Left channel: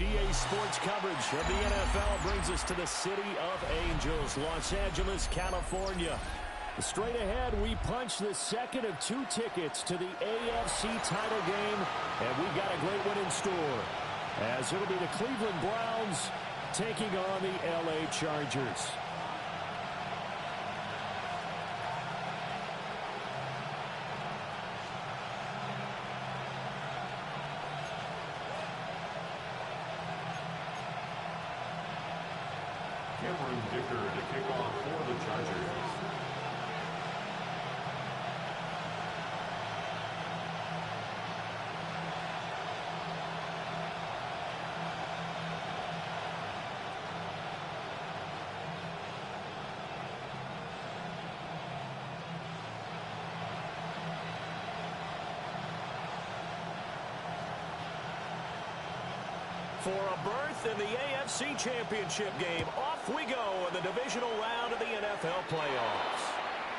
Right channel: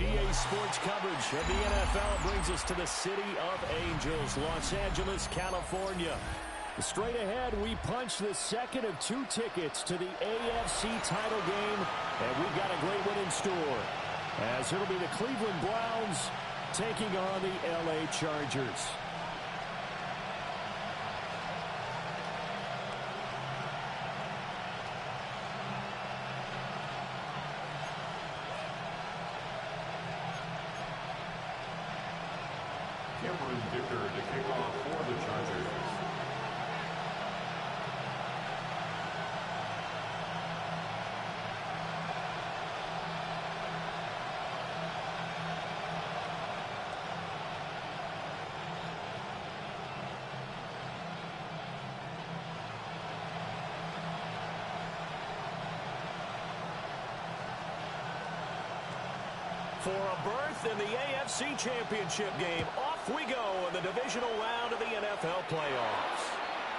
EA Sports coverage of the NFL brings us to the City of Angels, Los Angeles, California. Straight ahead, we punch the second of 2 tickets to the AFC title game, and we've got a great one in store, as it'll be the Cleveland Browns taking on the LA Chargers. Cameron Dicker to kick off for the Chargers. For a berth in the AFC Championship game, off we go in the divisional round of the NFL playoffs.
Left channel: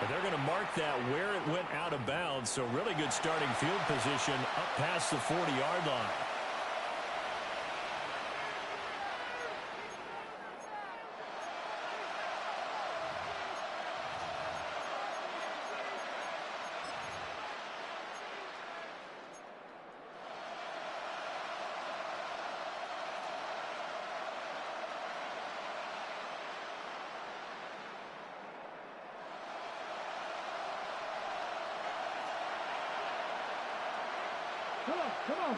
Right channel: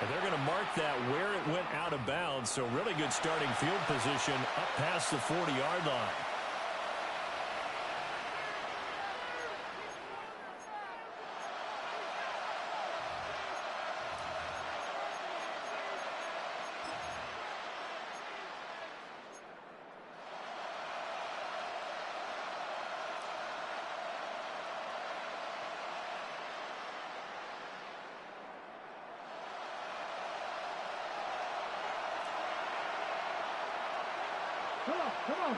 And they're going to mark that where it went out of bounds, so really good starting field position up past the 40-yard line. Come on.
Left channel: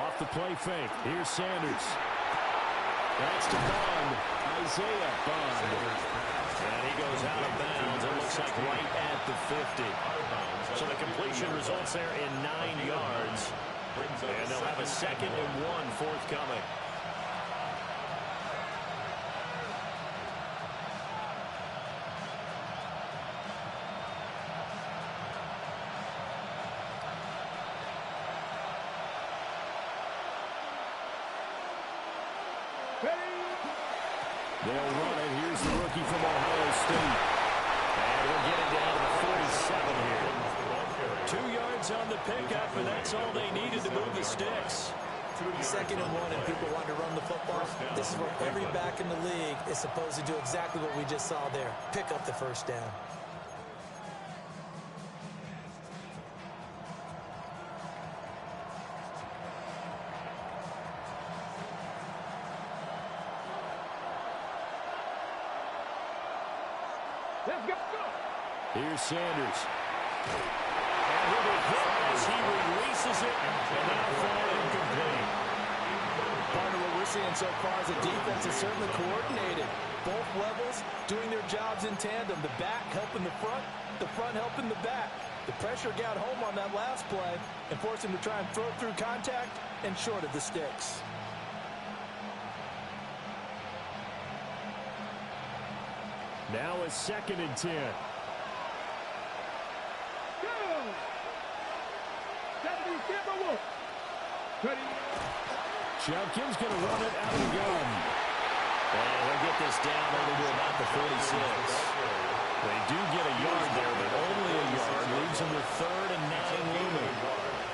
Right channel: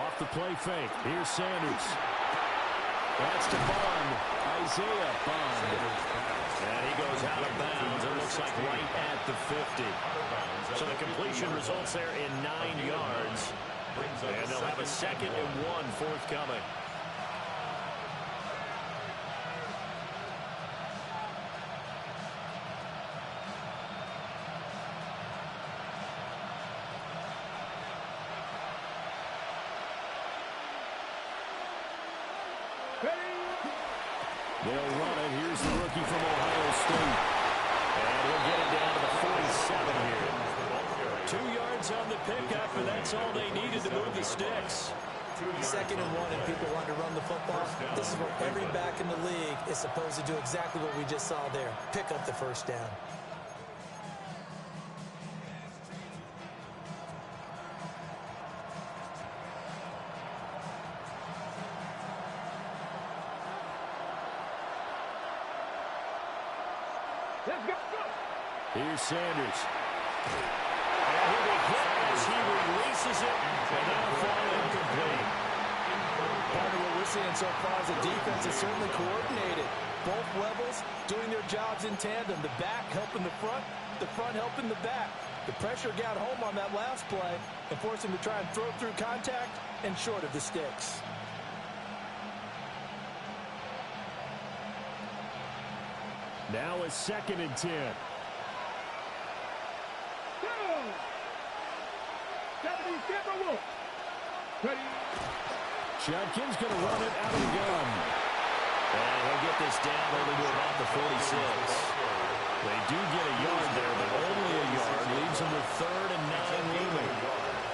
Off the play fake. Here's Sanders. That's to Bond. Isaiah Bond. And he goes out of bounds. It looks like right at the 50. So the completion results there in 9 yards. And they'll have a 2nd and 1 forthcoming. They'll run it. Here's the rookie from Ohio State. And he'll get it down to the 47 here. 2 yards on the pickup, and that's all they needed to move the sticks. 2nd and 1, and people want to run the football. This is where every back in the league is supposed to do exactly what we just saw there. Pick up the first down. Let's go. Here's Sanders. And he'll be hit as he releases it, and that'll fall incomplete. Partner, what we're seeing so far is the defense is certainly coordinated. Both levels doing their jobs in tandem. The back helping the front helping the back. The pressure got home on that last play and forced him to try and throw through contact and short of the sticks. Now a 2nd and 10. Judkins going to run it out of the gun. And he'll get this down only to about the 46. They do get a yard there, but only a yard. Leaves them with 3rd and 9 looming.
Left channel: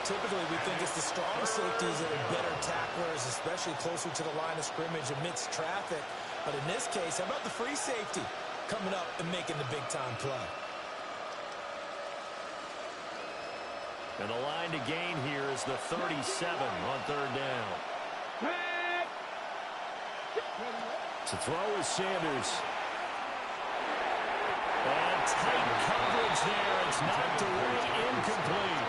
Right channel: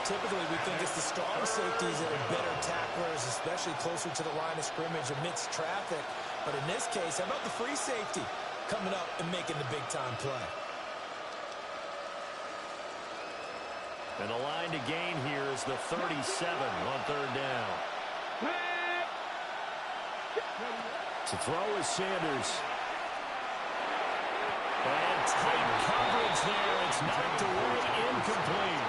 Typically, we think it's the strong safeties that are better tacklers, especially closer to the line of scrimmage amidst traffic. But in this case, how about the free safety coming up and making the big-time play? And the line to gain here is the 37 on 3rd down. To throw is Sanders. And tight coverage there. It's knocked away, incomplete.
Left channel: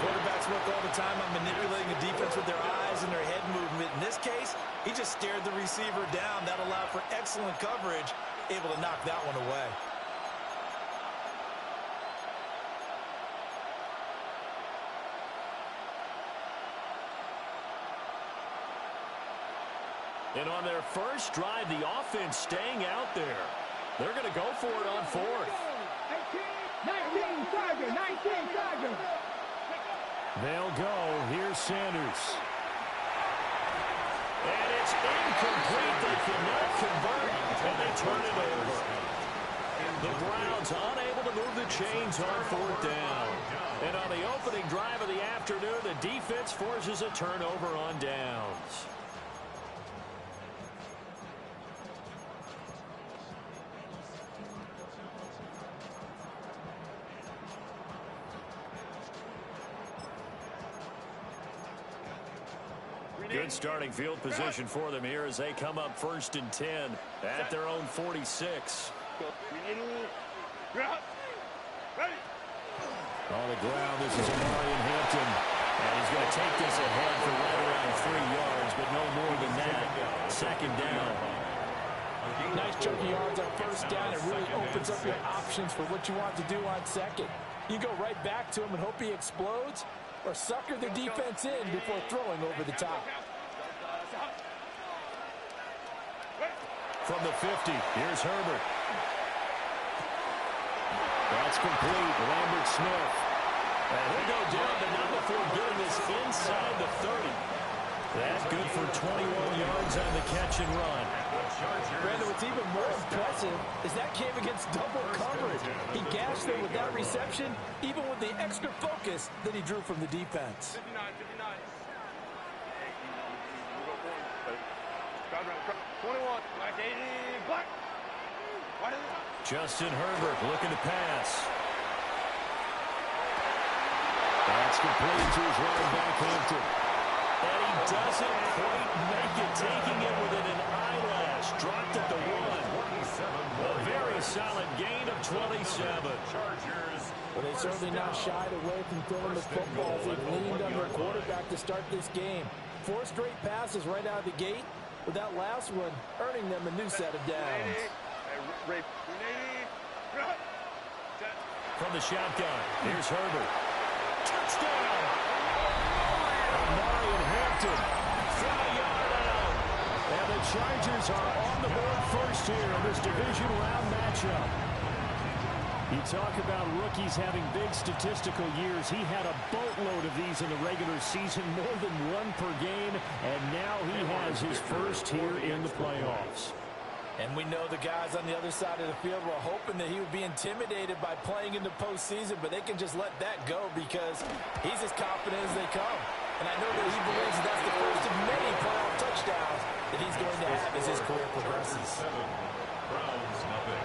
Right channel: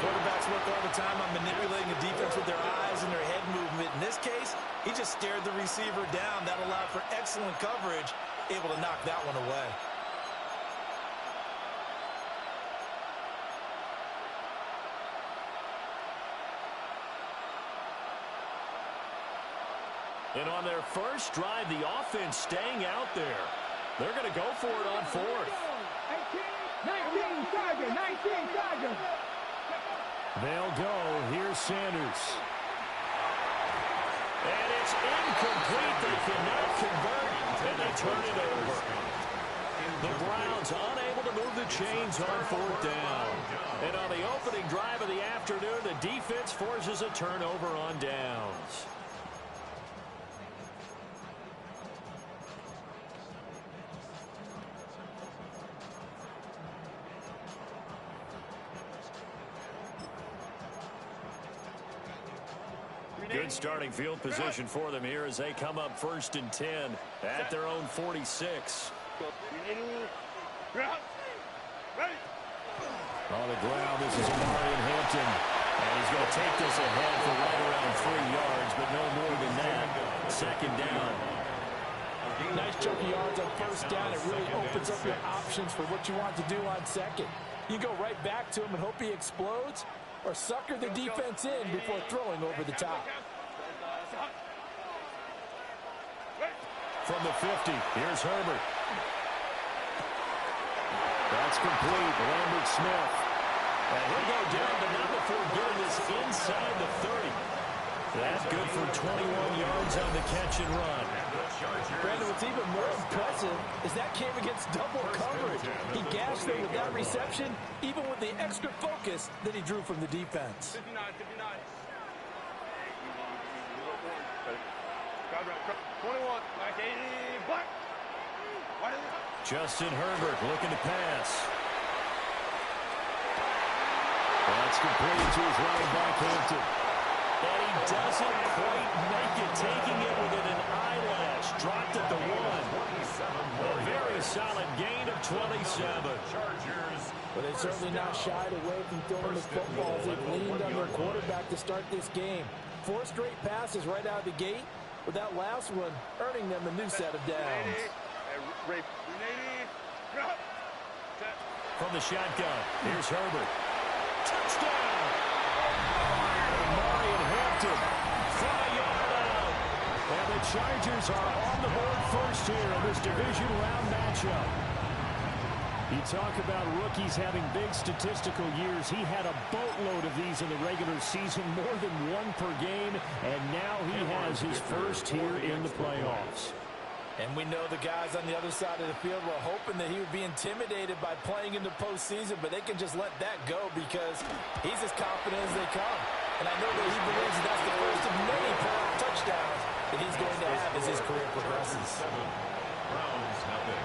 Quarterbacks work all the time on manipulating a defense with their eyes and their head movement. In this case, he just stared the receiver down. That allowed for excellent coverage, able to knock that one away. And on their first drive, the offense staying out there. They're going to go for it on 4th. 19 Tiger. They'll go. Here's Sanders. And it's incomplete. They cannot convert, and they turn it over. The Browns unable to move the chains on fourth down. And on the opening drive of the afternoon, the defense forces a turnover on downs. Good starting field position for them here as they come up 1st and 10 at their own 46. On the ground, this is Amari Hampton. And he's going to take this ahead for right around 3 yards, but no more than that. 2nd down. Nice chunky yards on 1st down. It really opens up your options for what you want to do on 2nd. You go right back to him and hope he explodes, or sucker the defense in before throwing over the top. From the 50, here's Herbert. That's complete. Lambert Smith. And he'll go down, but not before getting this inside the 30. That's good for 21 yards on the catch and run. Brandon, what's even more impressive is that came against double coverage. He gashed them with that reception, even with the extra focus that he drew from the defense. 21. Justin Herbert looking to pass. That's complete to his running back, Hampton. And he doesn't quite make it, taking it within an eyelash. Dropped at the 1. A very solid gain of 27. But they certainly not shied away from throwing the football. They've leaned on their quarterback to start this game. 4 straight passes right out of the gate, with that last one earning them a new set of downs. From the shotgun, here's Herbert. Touchdown! Amari Hampton from a yard out. And the Chargers are on the board first here in this division round matchup. You talk about rookies having big statistical years. He had a boatload of these in the regular season, more than 1 per game, and now he has his first here in the playoffs. And we know the guys on the other side of the field were hoping that he would be intimidated by playing in the postseason, but they can just let that go because he's as confident as they come. And I know that he believes that's the first of many playoff touchdowns that he's going to have as his career progresses. Browns nothing.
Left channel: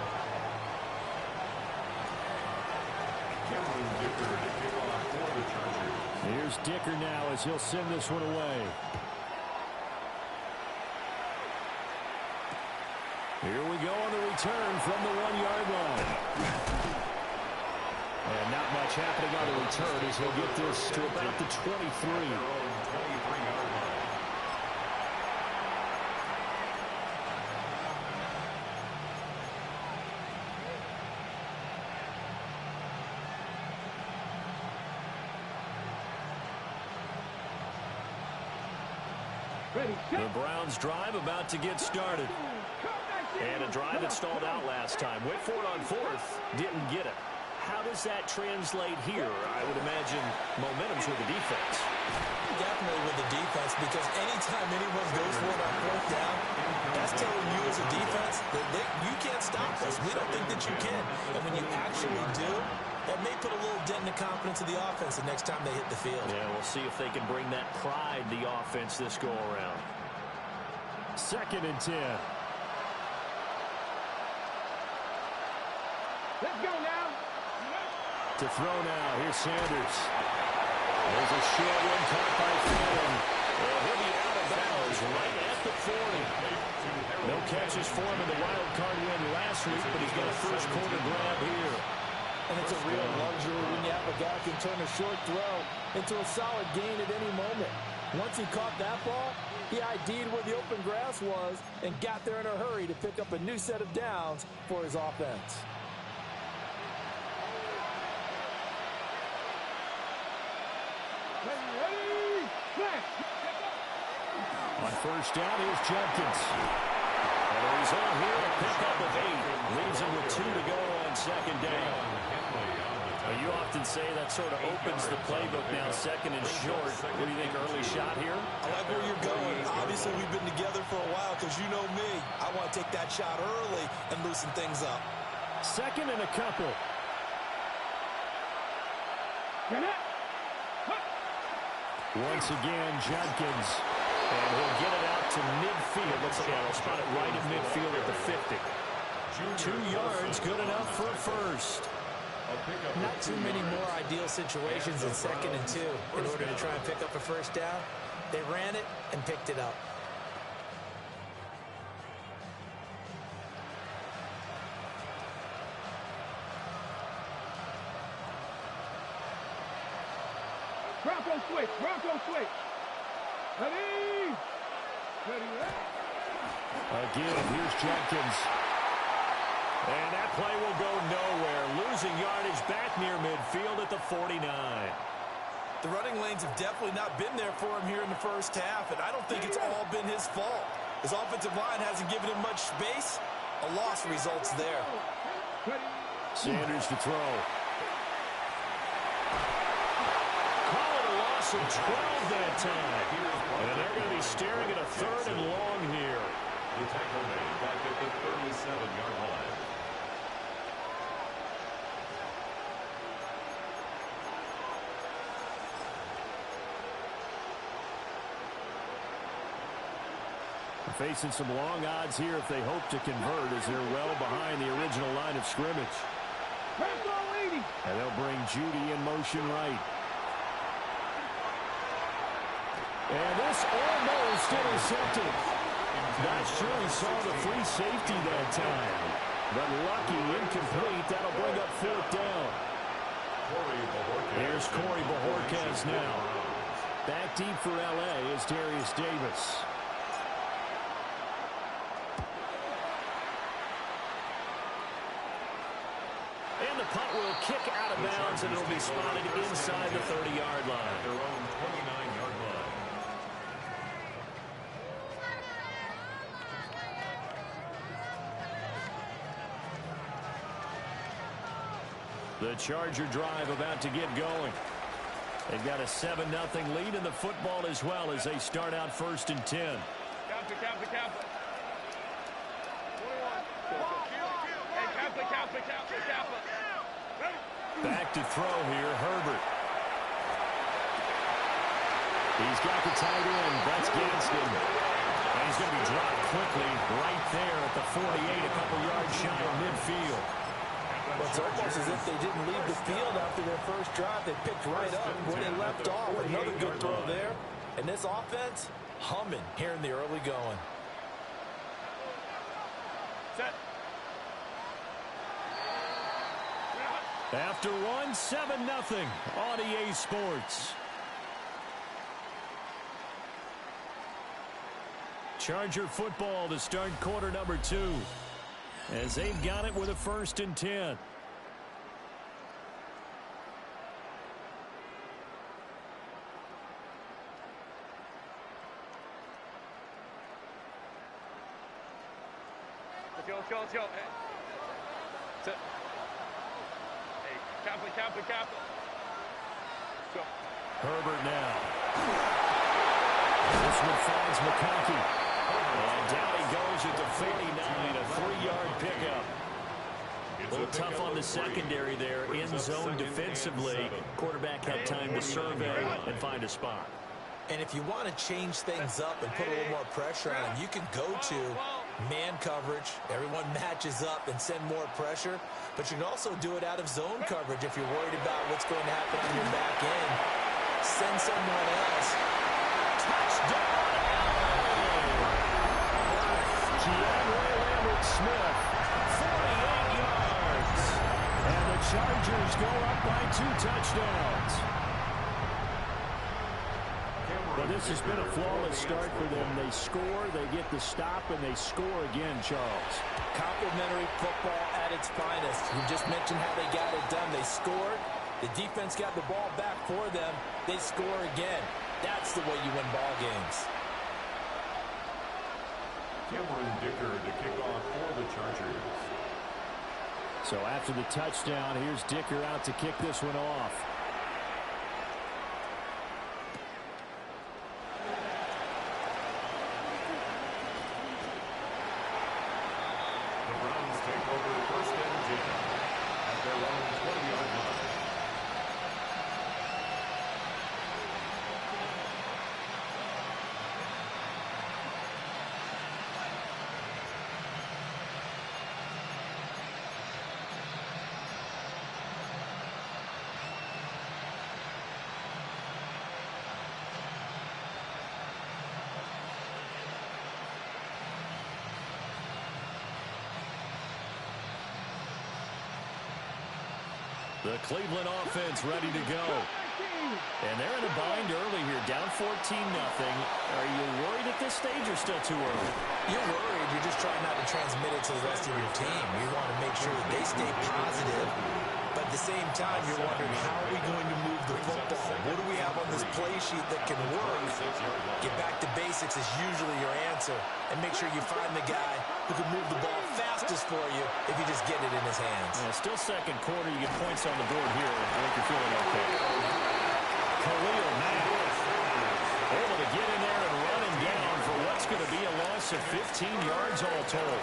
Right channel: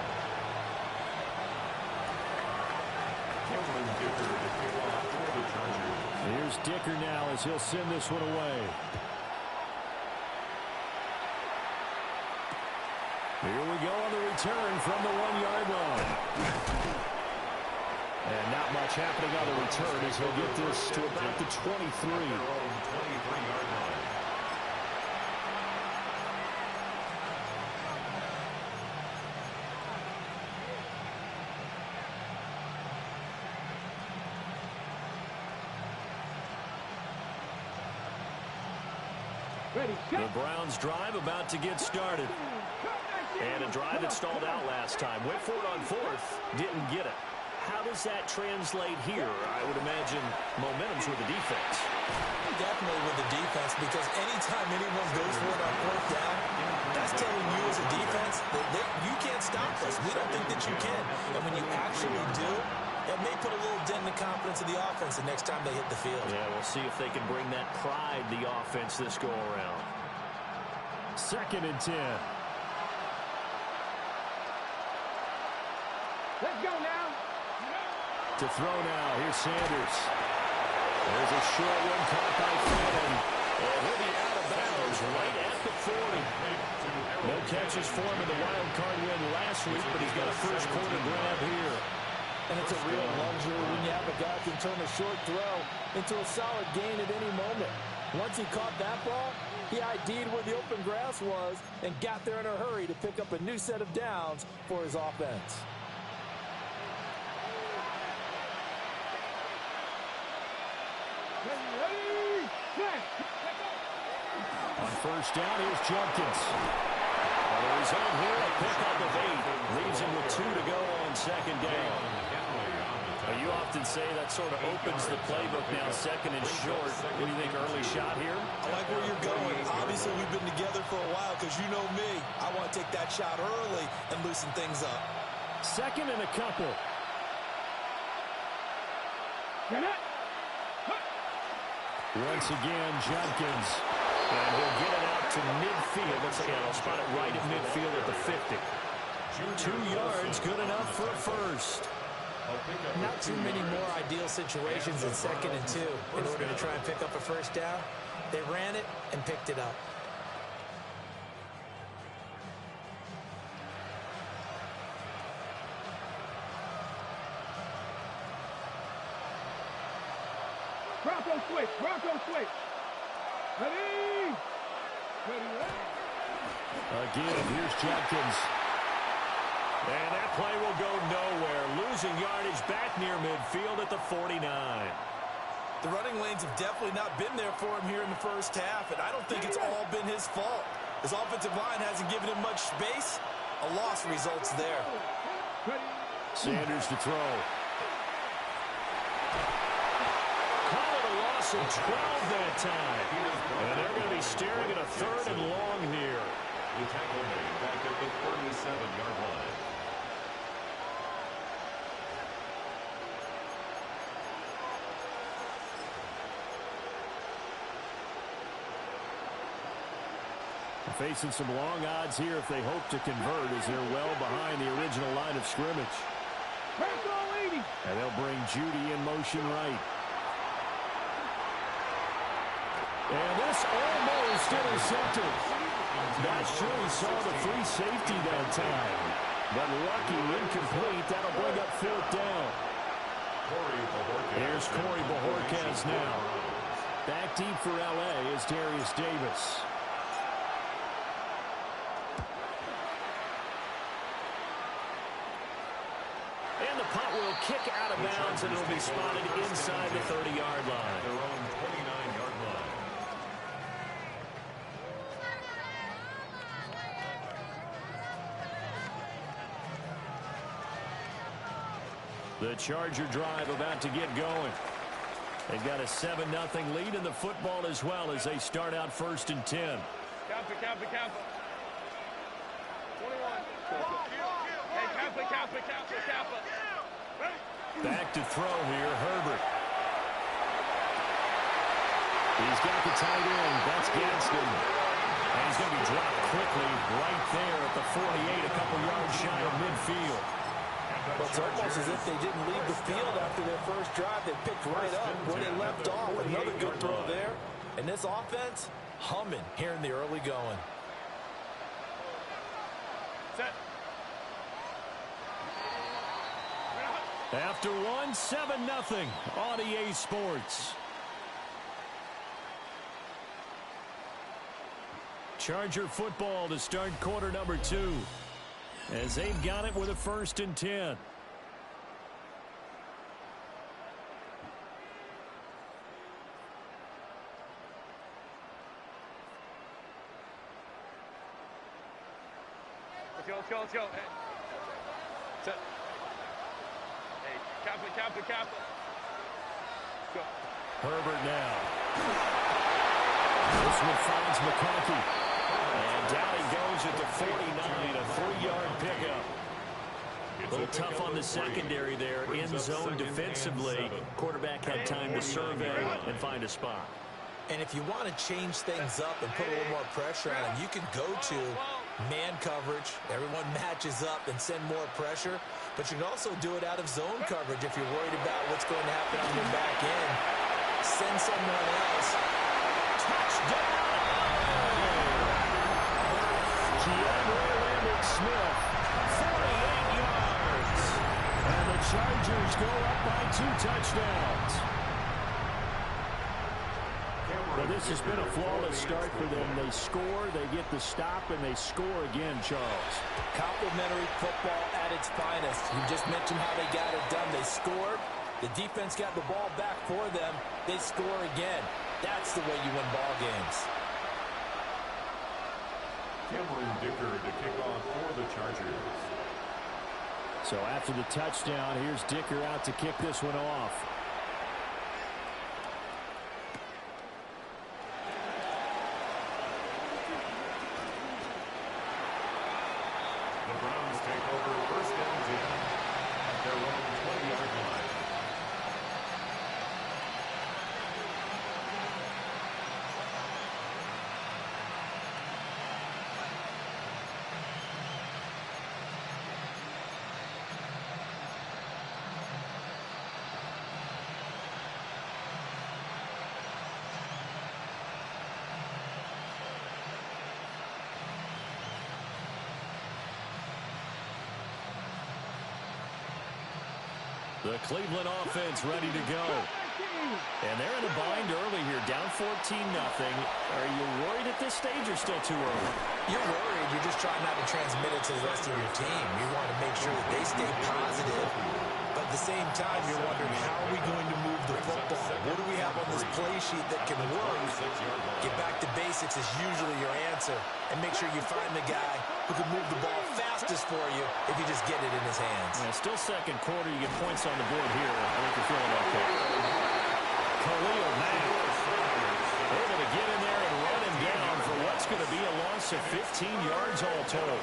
Cameron Dicker to kick off for the Chargers. Here's Dicker now as he'll send this one away. Here we go on the return from the 1-yard line. And not much happening on the return as he'll get this to about the 23. 23-yard line. Ready, The Browns drive about to get started. And a drive that stalled out last time. Went for it on 4th, didn't get it. How does that translate here? I would imagine momentum's with the defense. Definitely with the defense, because anytime anyone goes for it on 4th down, that's telling you as a defense that you can't stop us. We don't think that you can. And when you actually do, it may put a little dent in the confidence of the offense the next time they hit the field. Yeah, we'll see if they can bring that pride, the offense, this go-around. 2nd and 10. Let's go now. To throw now, here's Sanders. There's a short one caught by Fannin. And he'll be out of bounds right at the 40. No catches for him in the wild card win last week, but he's got a first quarter grab here. And it's a real luxury when you have a guy who can turn a short throw into a solid gain at any moment. Once he caught that ball, he ID'd where the open grass was and got there in a hurry to pick up a new set of downs for his offense. Ready, On 1st down, here's Jumpkins. And the result here, a pickup of 8. Leaves him with 2 to go on 2nd down. Well, you often say that sort of opens the playbook now, 2nd and short. What do you think, early shot here? I like where you're going. Obviously, we've been together for a while because you know me. I want to take that shot early and loosen things up. 2nd and a couple. Get it. Once again, Judkins. And he'll get it out to midfield. Looks like they'll spot it right at midfield at the 50. 2 yards, good enough for a first. Not too many more ideal situations in 2nd and 2 in order to try and pick up a first down. They ran it and picked it up. Bronco switch. Bronco switch. Ready. Ready. Again, here's Judkins. And that play will go nowhere. Losing yardage back near midfield at the 49. The running lanes have definitely not been there for him here in the first half, and I don't think it's all been his fault. His offensive line hasn't given him much space. A loss results there. Sanders to throw. Call it a loss of 12 that time. And they're going to be staring at a 3rd and long here. The tackle made back at the 37-yard line. Facing some long odds here if they hope to convert, as they're well behind the original line of scrimmage. And they'll bring Judy in motion right. And this almost intercepted. Not sure he saw the free safety that time. But lucky, incomplete. That'll bring up 4th down. Here's Corey Bajorquez now. Back deep for L.A. is Darius Davis. And the punt will kick out of bounds, and it'll be spotted inside the 30-yard line. Their own 29-yard line. The Charger drive about to get going. They've got a 7-0 lead in the football as well as they start out 1st and 10. Kappa. 21. Hey, Kappa. Back to throw here, Herbert. He's got the tight end. That's Gadsden. And he's going to be dropped quickly right there at the 48, a couple yards shy of midfield. Well, it's almost as if they didn't leave the field after their first drive. They picked right up where they left off. Another good throw there. And this offense, humming here in the early going. Set. After one, 7-0 on EA Sports. Charger football to start quarter number 2. As they've got it with a 1st and 10. Let's go. Hey. Set. Hey, Kappa. Go. Herbert now. This one finds McConkey. And down he goes at the 49, a 3-yard pickup. A little tough on the secondary there, in zone defensively. Quarterback had time to survey and find a spot. And if you want to change things up and put a little more pressure on him, you can go to man coverage. Everyone matches up and send more pressure. But you can also do it out of zone coverage if you're worried about what's going to happen on your back end. Send someone else. Touchdown, Keandre Lambert-Smith, 48 yards. And the Chargers go up by 2 touchdowns. Well, this has been a flawless start for them. They score, they get the stop, and they score again, Charles. Complimentary football at its finest. You just mentioned how they got it done. They scored. The defense got the ball back for them. They score again. That's the way you win ball games. Cameron Dicker to kick off for the Chargers. So after the touchdown, here's Dicker out to kick this one off. The Browns take over 1st and 10 at their own 20-yard line. The Cleveland offense ready to go. And they're in a bind early here, down 14-0. Are you worried at this stage or still too early? You're worried. You're just trying not to transmit it to the rest of your team. You want to make sure that they stay positive. But at the same time, you're wondering, how are we going to move the football? What do we have on this play sheet that can work? Get back to basics is usually your answer. And make sure you find the guy who can move the ball fastest for you if you just get it in his hands. Yeah, still second quarter. You get points on the board here. I think you're feeling okay. Khalil Mack able to get in there and run him down for what's going to be a loss of 15 yards all told.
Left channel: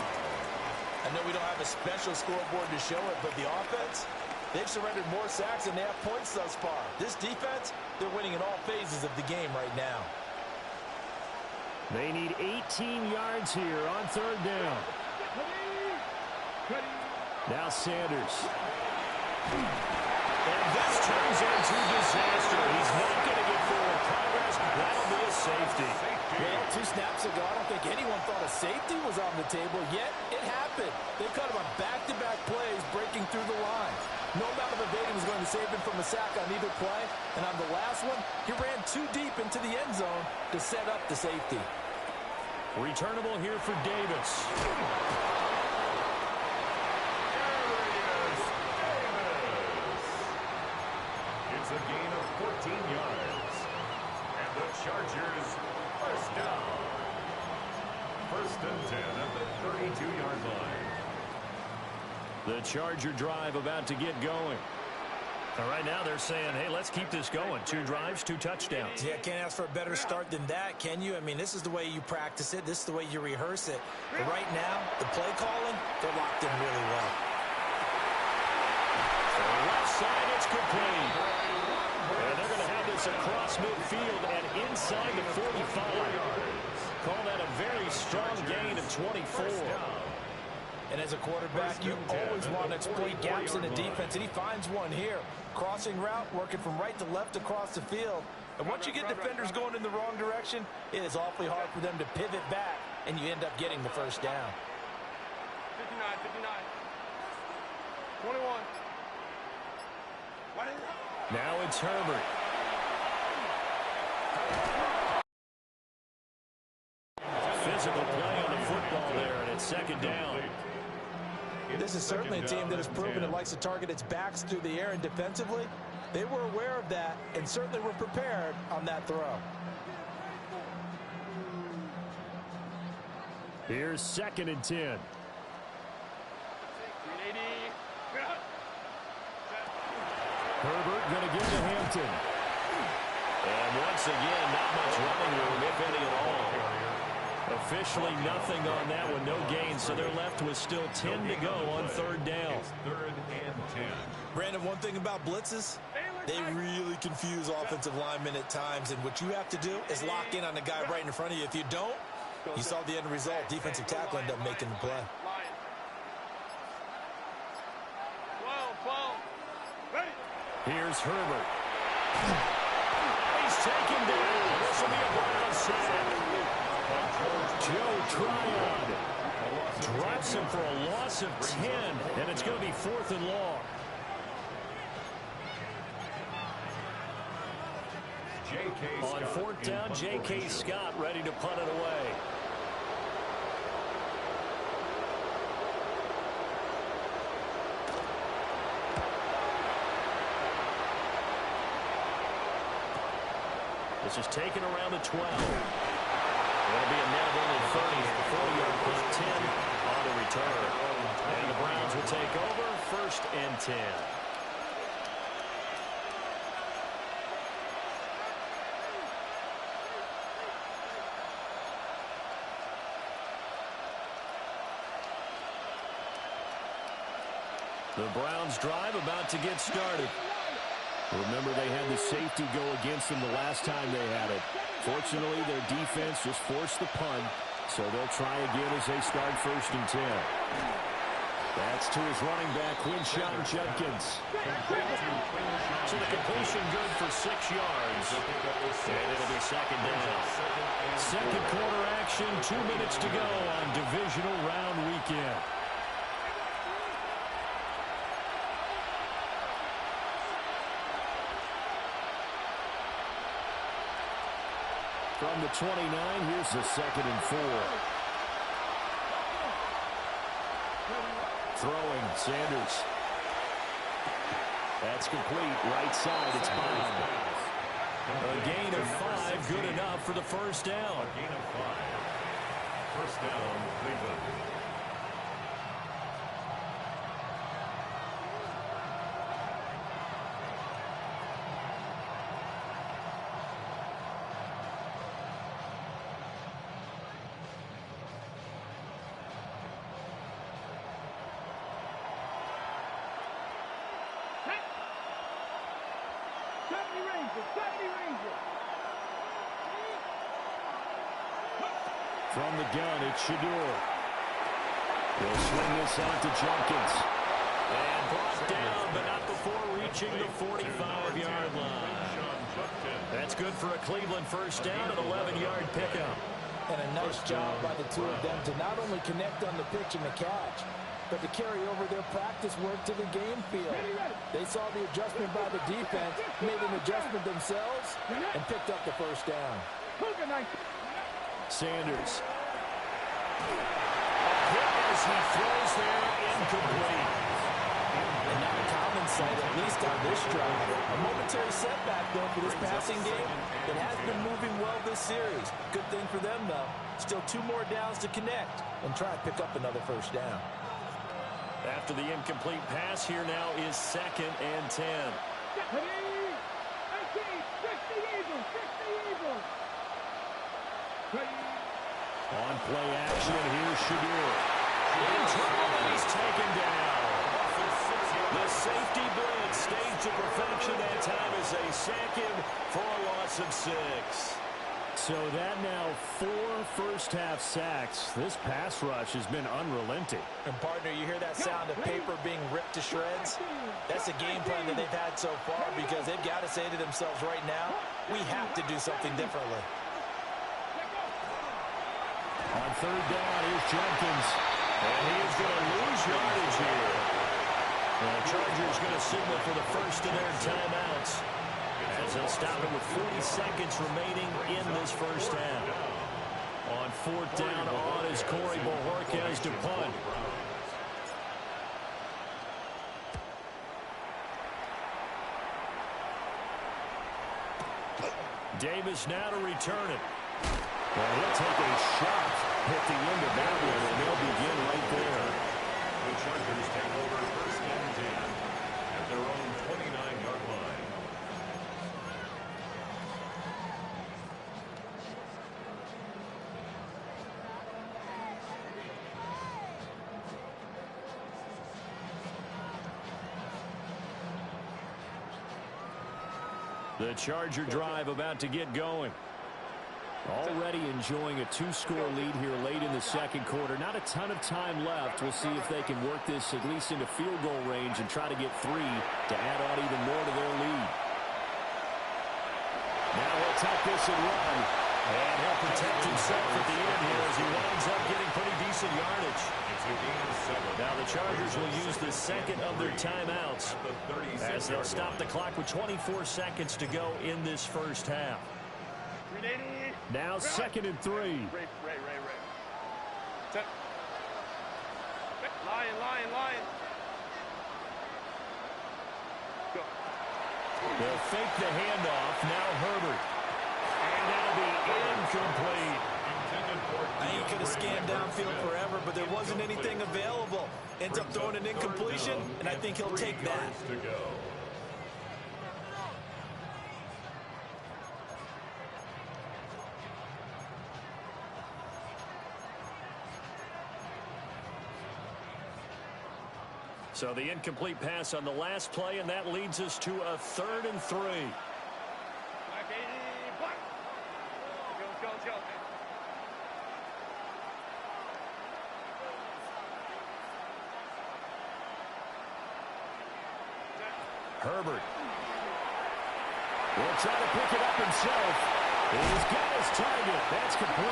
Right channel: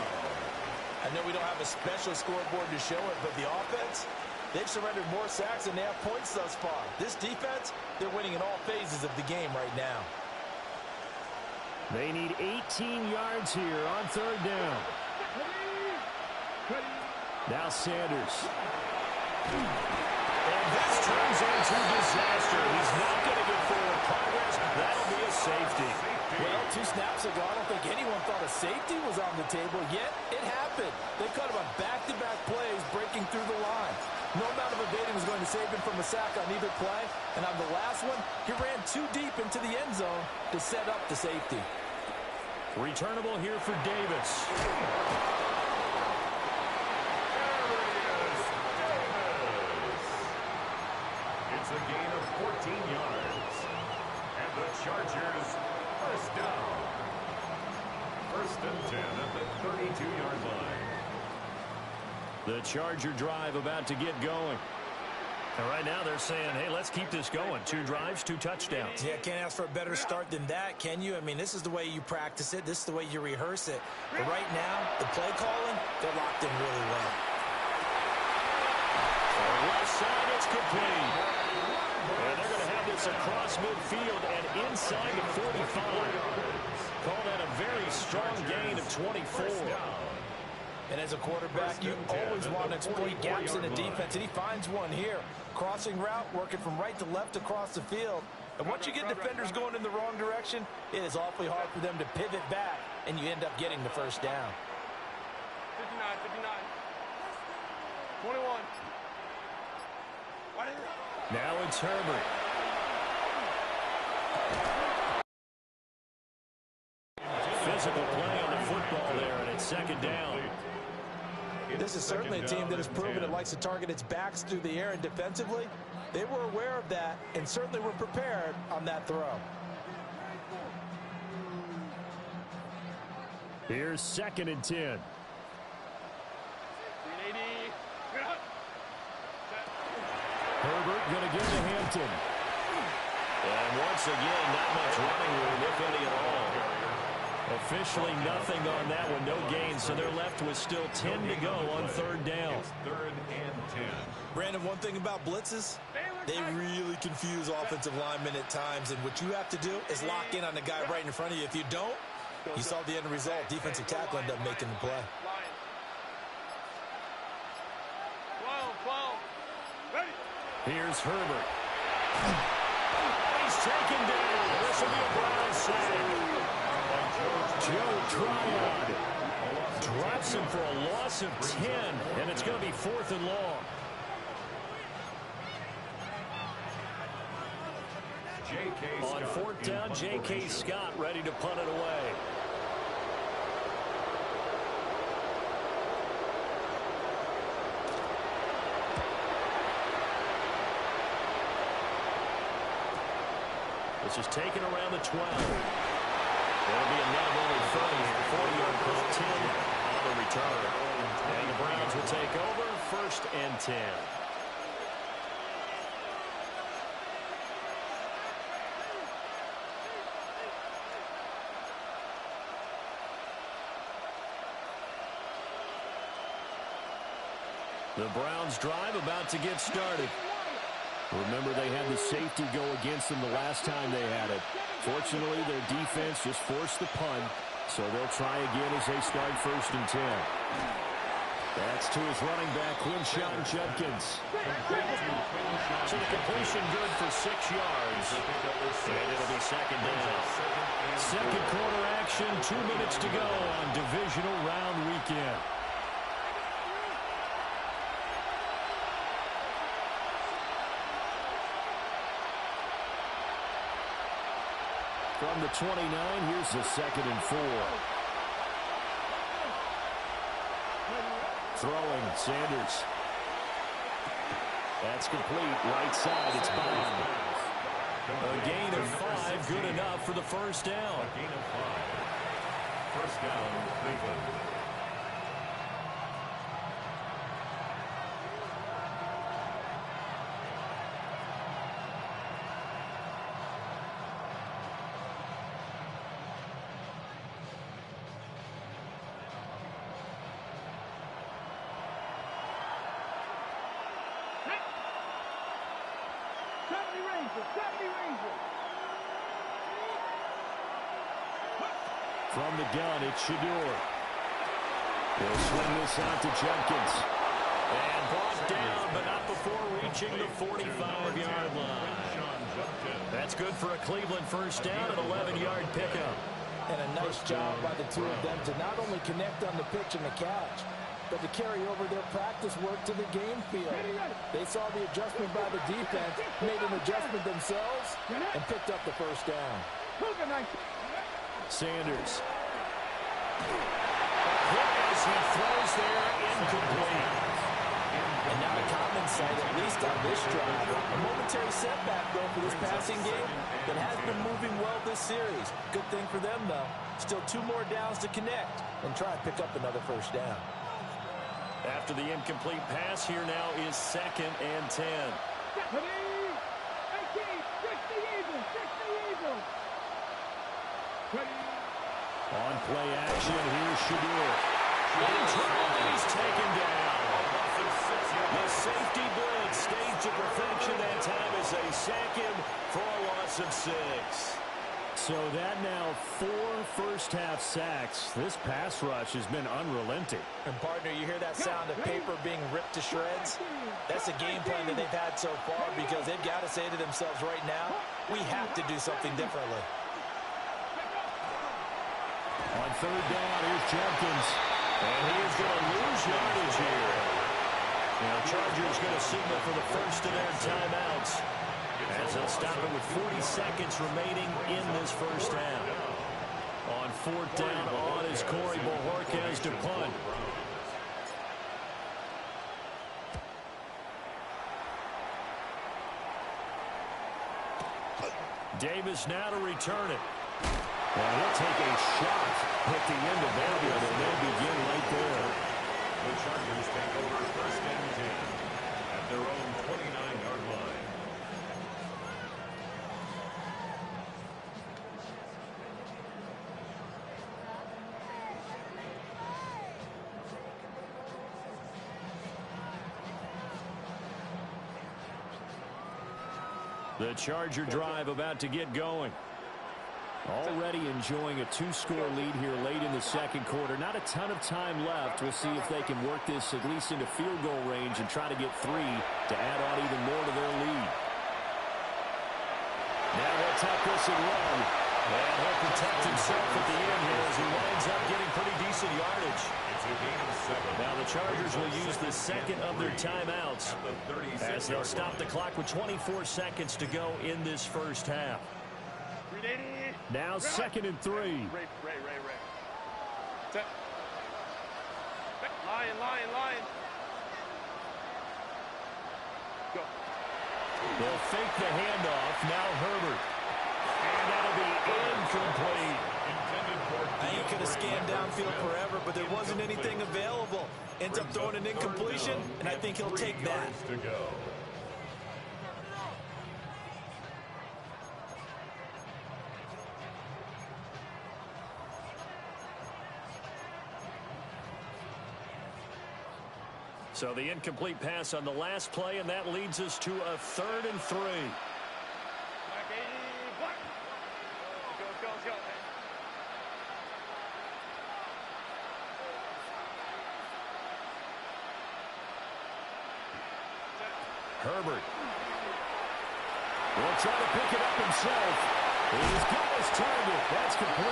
I know we don't have a special scoreboard to show it, but the offense, they've surrendered more sacks than they have points thus far. This defense, they're winning in all phases of the game right now. They need 18 yards here on 3rd down. Now Sanders. And this turns into disaster. He's not going to get forward progress. That'll be a safety. Well, 2 snaps ago, I don't think anyone thought a safety was on the table, yet it happened. They cut him on back-to-back plays, breaking through the line. No amount of evading was going to save him from a sack on either play. And on the last one, he ran too deep into the end zone to set up the safety. Returnable here for Davis. It's a gain of 14 yards. And the Chargers, 1st down. 1st and 10 at the 32-yard line. The Charger drive about to get going. And right now they're saying, hey, let's keep this going. 2 drives, 2 touchdowns. Yeah, can't ask for a better start than that, can you? I mean, this is the way you practice it. This is the way you rehearse it. But right now, the play calling, they're locked in really well. So left side, it's complete. And they're going to have this across midfield and inside the 45. Call that a very strong gain of 24. And as a quarterback, you always want to exploit gaps in the defense, and he finds one here. Crossing route, working from right to left across the field. And once you get defenders going in the wrong direction, it is awfully hard for them to pivot back, and you end up getting the 1st down. 59, 59. 21. Now it's Herbert. Physical play on the football there, and it's 2nd down. This is certainly a team that has proven it likes to target its backs through the air, and defensively, they were aware of that and certainly were prepared on that throw. Here's 2nd and 10. Herbert going to give to Hampton. And once again, not much running room, if any at all. Officially nothing on that one, no gain, so they're left with still 10 to go on 3rd down. It's 3rd and 10. Brandon, one thing about blitzes, they really confuse offensive linemen at times, and what you have to do is lock in on the guy right in front of you. If you don't, you saw the end result. Defensive tackle ended up making the play. 12. Ready. Here's Herbert. And he's taken down. This will be a Brown sack. Joe Tryon drops him for a loss of 10, and it's going to be 4th and long. On 4th down, J.K. Scott ready to punt it away. This is taken around the 12. It'll be a net of only 30 here. 40-yard punt, 10 on the return. And the Browns will take over 1st and 10. The Browns drive about to get started. Remember, they had the safety go against them the last time they had it. Fortunately, their defense just forced the punt, so they'll try again as they start 1st and 10. That's to his running back, Quinshon Judkins. So the completion good for 6 yards. And it'll be 2nd down. Second quarter action, 2 minutes to go on divisional round weekend. From the 29, here's the 2nd and 4. Throwing, Sanders. That's complete. Right side, it's Bond. A gain of 5, good enough for the 1st down. A gain of 5. 1st down, Cleveland. From the gun, it's Shador. He'll swing this out to Judkins. And brought down, but not before reaching the 45-yard line. That's good for a Cleveland 1st down, an 11-yard pickup. And a nice job by the two of them to not only connect on the pitch and the catch, but to carry over their practice work to the game field. They saw the adjustment by the defense, made an adjustment themselves, and picked up the 1st down. Sanders. A hit as he throws there, incomplete. And not a common sight, at least on this drive. A momentary setback, though, for this passing game that has been moving well this series. Good thing for them, though. Still 2 more downs to connect and try and pick up another 1st down. After the incomplete pass, here now is 2nd and 10. On play action, here's Shador. In trouble, and he's taken down. The safety blitz staged to perfection that time as they sack him for a loss of 6. So that now 4 first-half sacks. This pass rush has been unrelenting. And, partner, you hear that sound of paper being ripped to shreds? That's the game plan that they've had so far because they've got to say to themselves right now, we have to do something differently. On 3rd down, here's Judkins. And he is going to lose yardage here. Now, Chargers going to signal for the 1st of their timeouts, as they'll stop it with 40 seconds remaining in this 1st half. On 4th down, on is Corey Bojorquez to punt. Davis now to return it. And he'll take a shot at the end of that one, and they'll begin right there. The Chargers take over 1st and 10 at their own 29-yard line. The Charger drive about to get going. Already enjoying a 2-score lead here late in the 2nd quarter. Not a ton of time left. We'll see if they can work this at least into field goal range and try to get 3 to add on even more to their lead. Now he'll tuck this and run. And he'll protect himself at the end here as he winds up getting pretty decent yardage. It's a gain of 7. Now the Chargers will use the 2nd of their timeouts as they'll stop the clock with 24 seconds to go in this 1st half. Now 2nd and 3. Ray. Set. Lion. Go. They'll fake the handoff. Now Herbert. And that'll be incomplete. I think he could have scanned downfield forever, but there wasn't anything available. Ends up throwing an incompletion, and I think he'll take that. So the incomplete pass on the last play, and that leads us to a 3rd and 3. Black 80, black. Let's go, let's go. Herbert will try to pick it up himself. He's got his target. That's complete.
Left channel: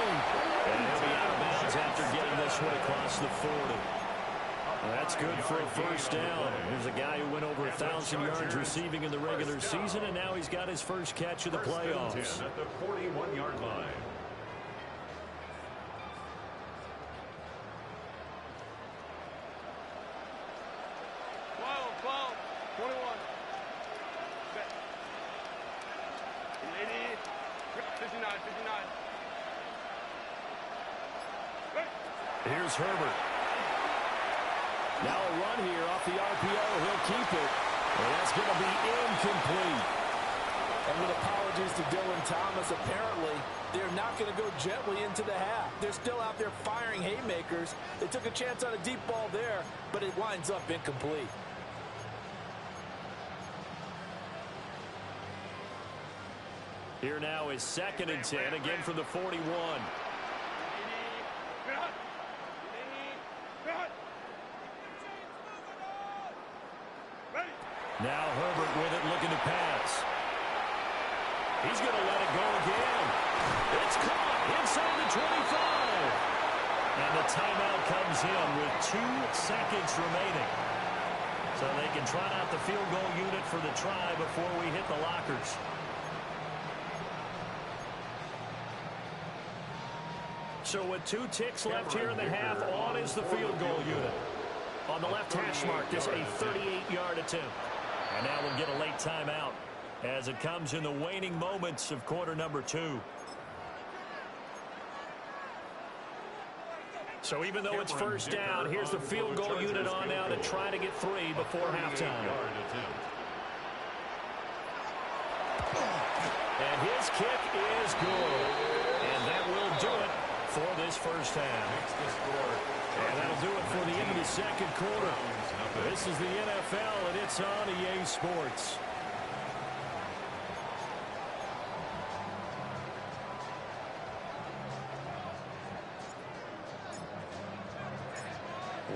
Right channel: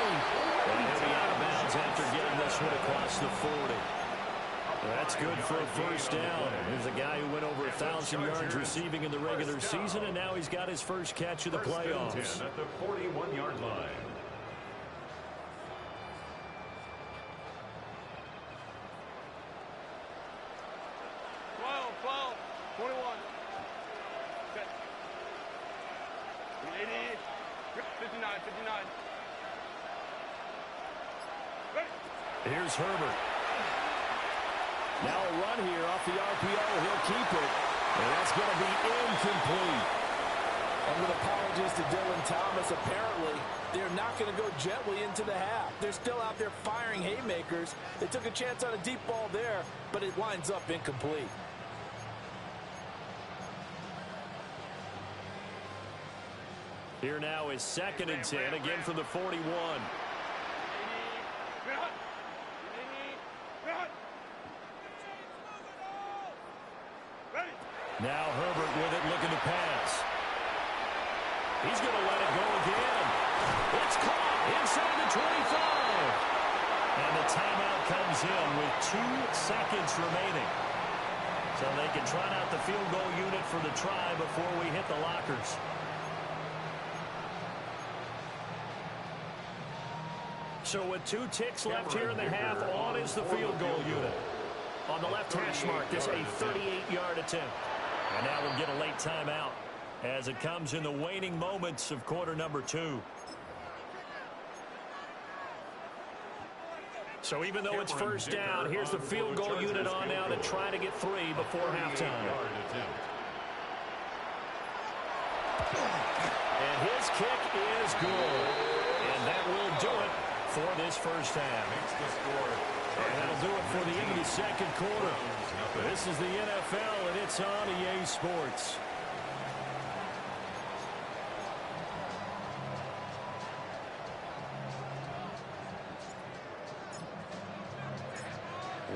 And he'll be out of bounds after getting this one across the 40. That's good for a first down. Here's a guy who went over 1,000 yards receiving in the regular season, and now he's got his first catch of the playoffs. 1st and 10 at the 41-yard line. Twelve, 21. Set. 80, 59, 59. Ready. Here's Herbert. Now a run here off the RPO. He'll keep it. And that's going to be incomplete. And with apologies to Dylan Thomas, apparently they're not going to go gently into the half. They're still out there firing haymakers. They took a chance on a deep ball there, but it winds up incomplete. Here now is 2nd and 10, again from the 41. Now Herbert with it, looking to pass. He's going to let it go again. It's caught inside the 25. And the timeout comes in with 2 seconds remaining. So they can trot out the field goal unit for the try before we hit the lockers. So with 2 ticks left here in the half, on is the field goal unit. On the left hash mark, this a 38-yard attempt. And now we'll get a late timeout as it comes in the waning moments of quarter number 2. So even though it's first down, here's the field goal unit on now to try to get 3 before halftime. And his kick is good. And that will do it for this first half. And that'll do it for the end of the second quarter. This is the NFL, and it's on EA Sports.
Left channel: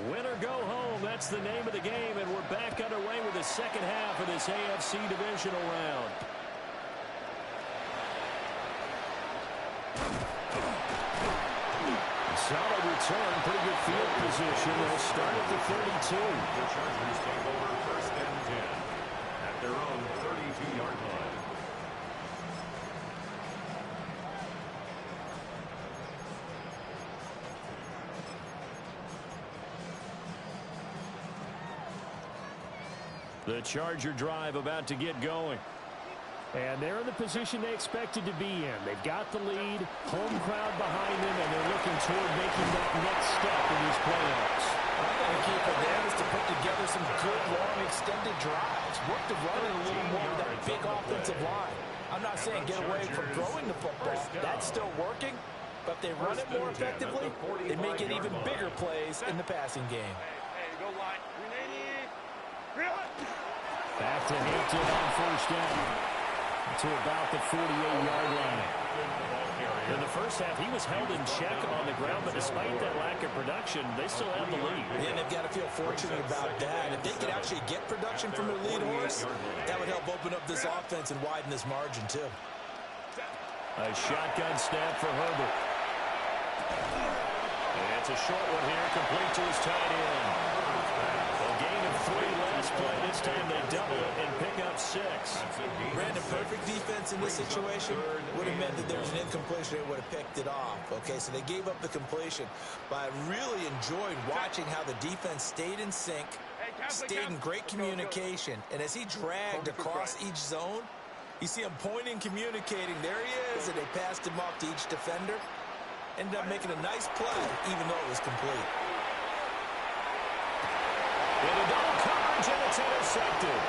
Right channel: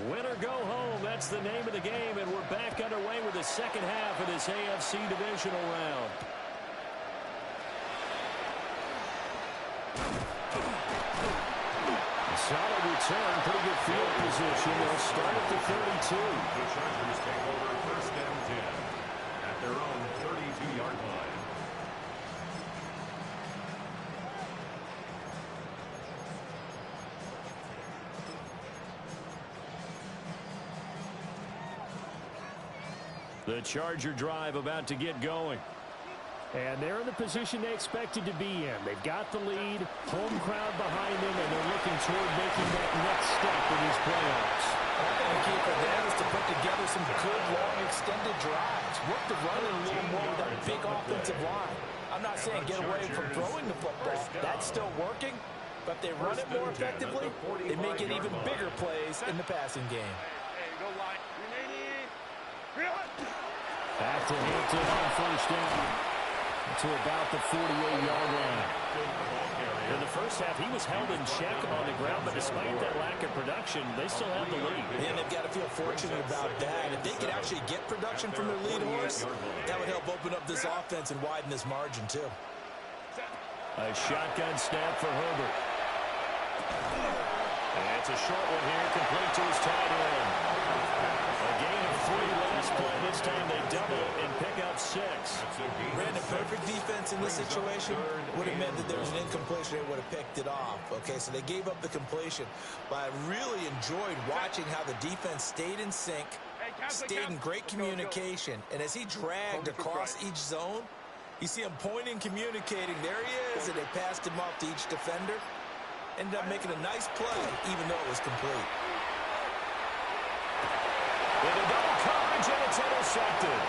Win or go home, that's the name of the game, and we're back underway with the second half of this AFC divisional round. Solid return, pretty good field position. They'll start at the 32. The Chargers take over 1st and 10 at their own 32-yard line. The Charger drive about to get going. And they're in the position they expected to be in. They've got the lead, home crowd behind them, and they're looking toward making that next step in these playoffs. I think the key for them is to put together some good, long, extended drives. Work the run in a little more with that big offensive line. I'm not saying get away from throwing the football. That's still working. But if they run it more effectively, they may get even bigger plays in the passing game. Hey, go line. 380. Back to Hampton on first down. To about the 48-yard line. In the first half, he was held in check on the ground, but despite that lack of production, they still have the lead. And they've got to feel fortunate about that. If they could actually get production from their lead horse, that would help open up this offense and widen this margin, too. A shotgun snap for Herbert. And it's a short one here, complete to his tight end. A gain of 3 last play. This time they double it and pick up 6. Brandon, perfect defense in this situation would have meant that there was an incompletion. They would have picked it off. Okay, so they gave up the completion. But I really enjoyed watching how the defense stayed in sync, stayed in great communication. And as he dragged across each zone, you see him pointing, communicating. There he is, and they passed him off to each defender. Ended up making a nice play, even though it was complete. Into double coverage, and it's intercepted.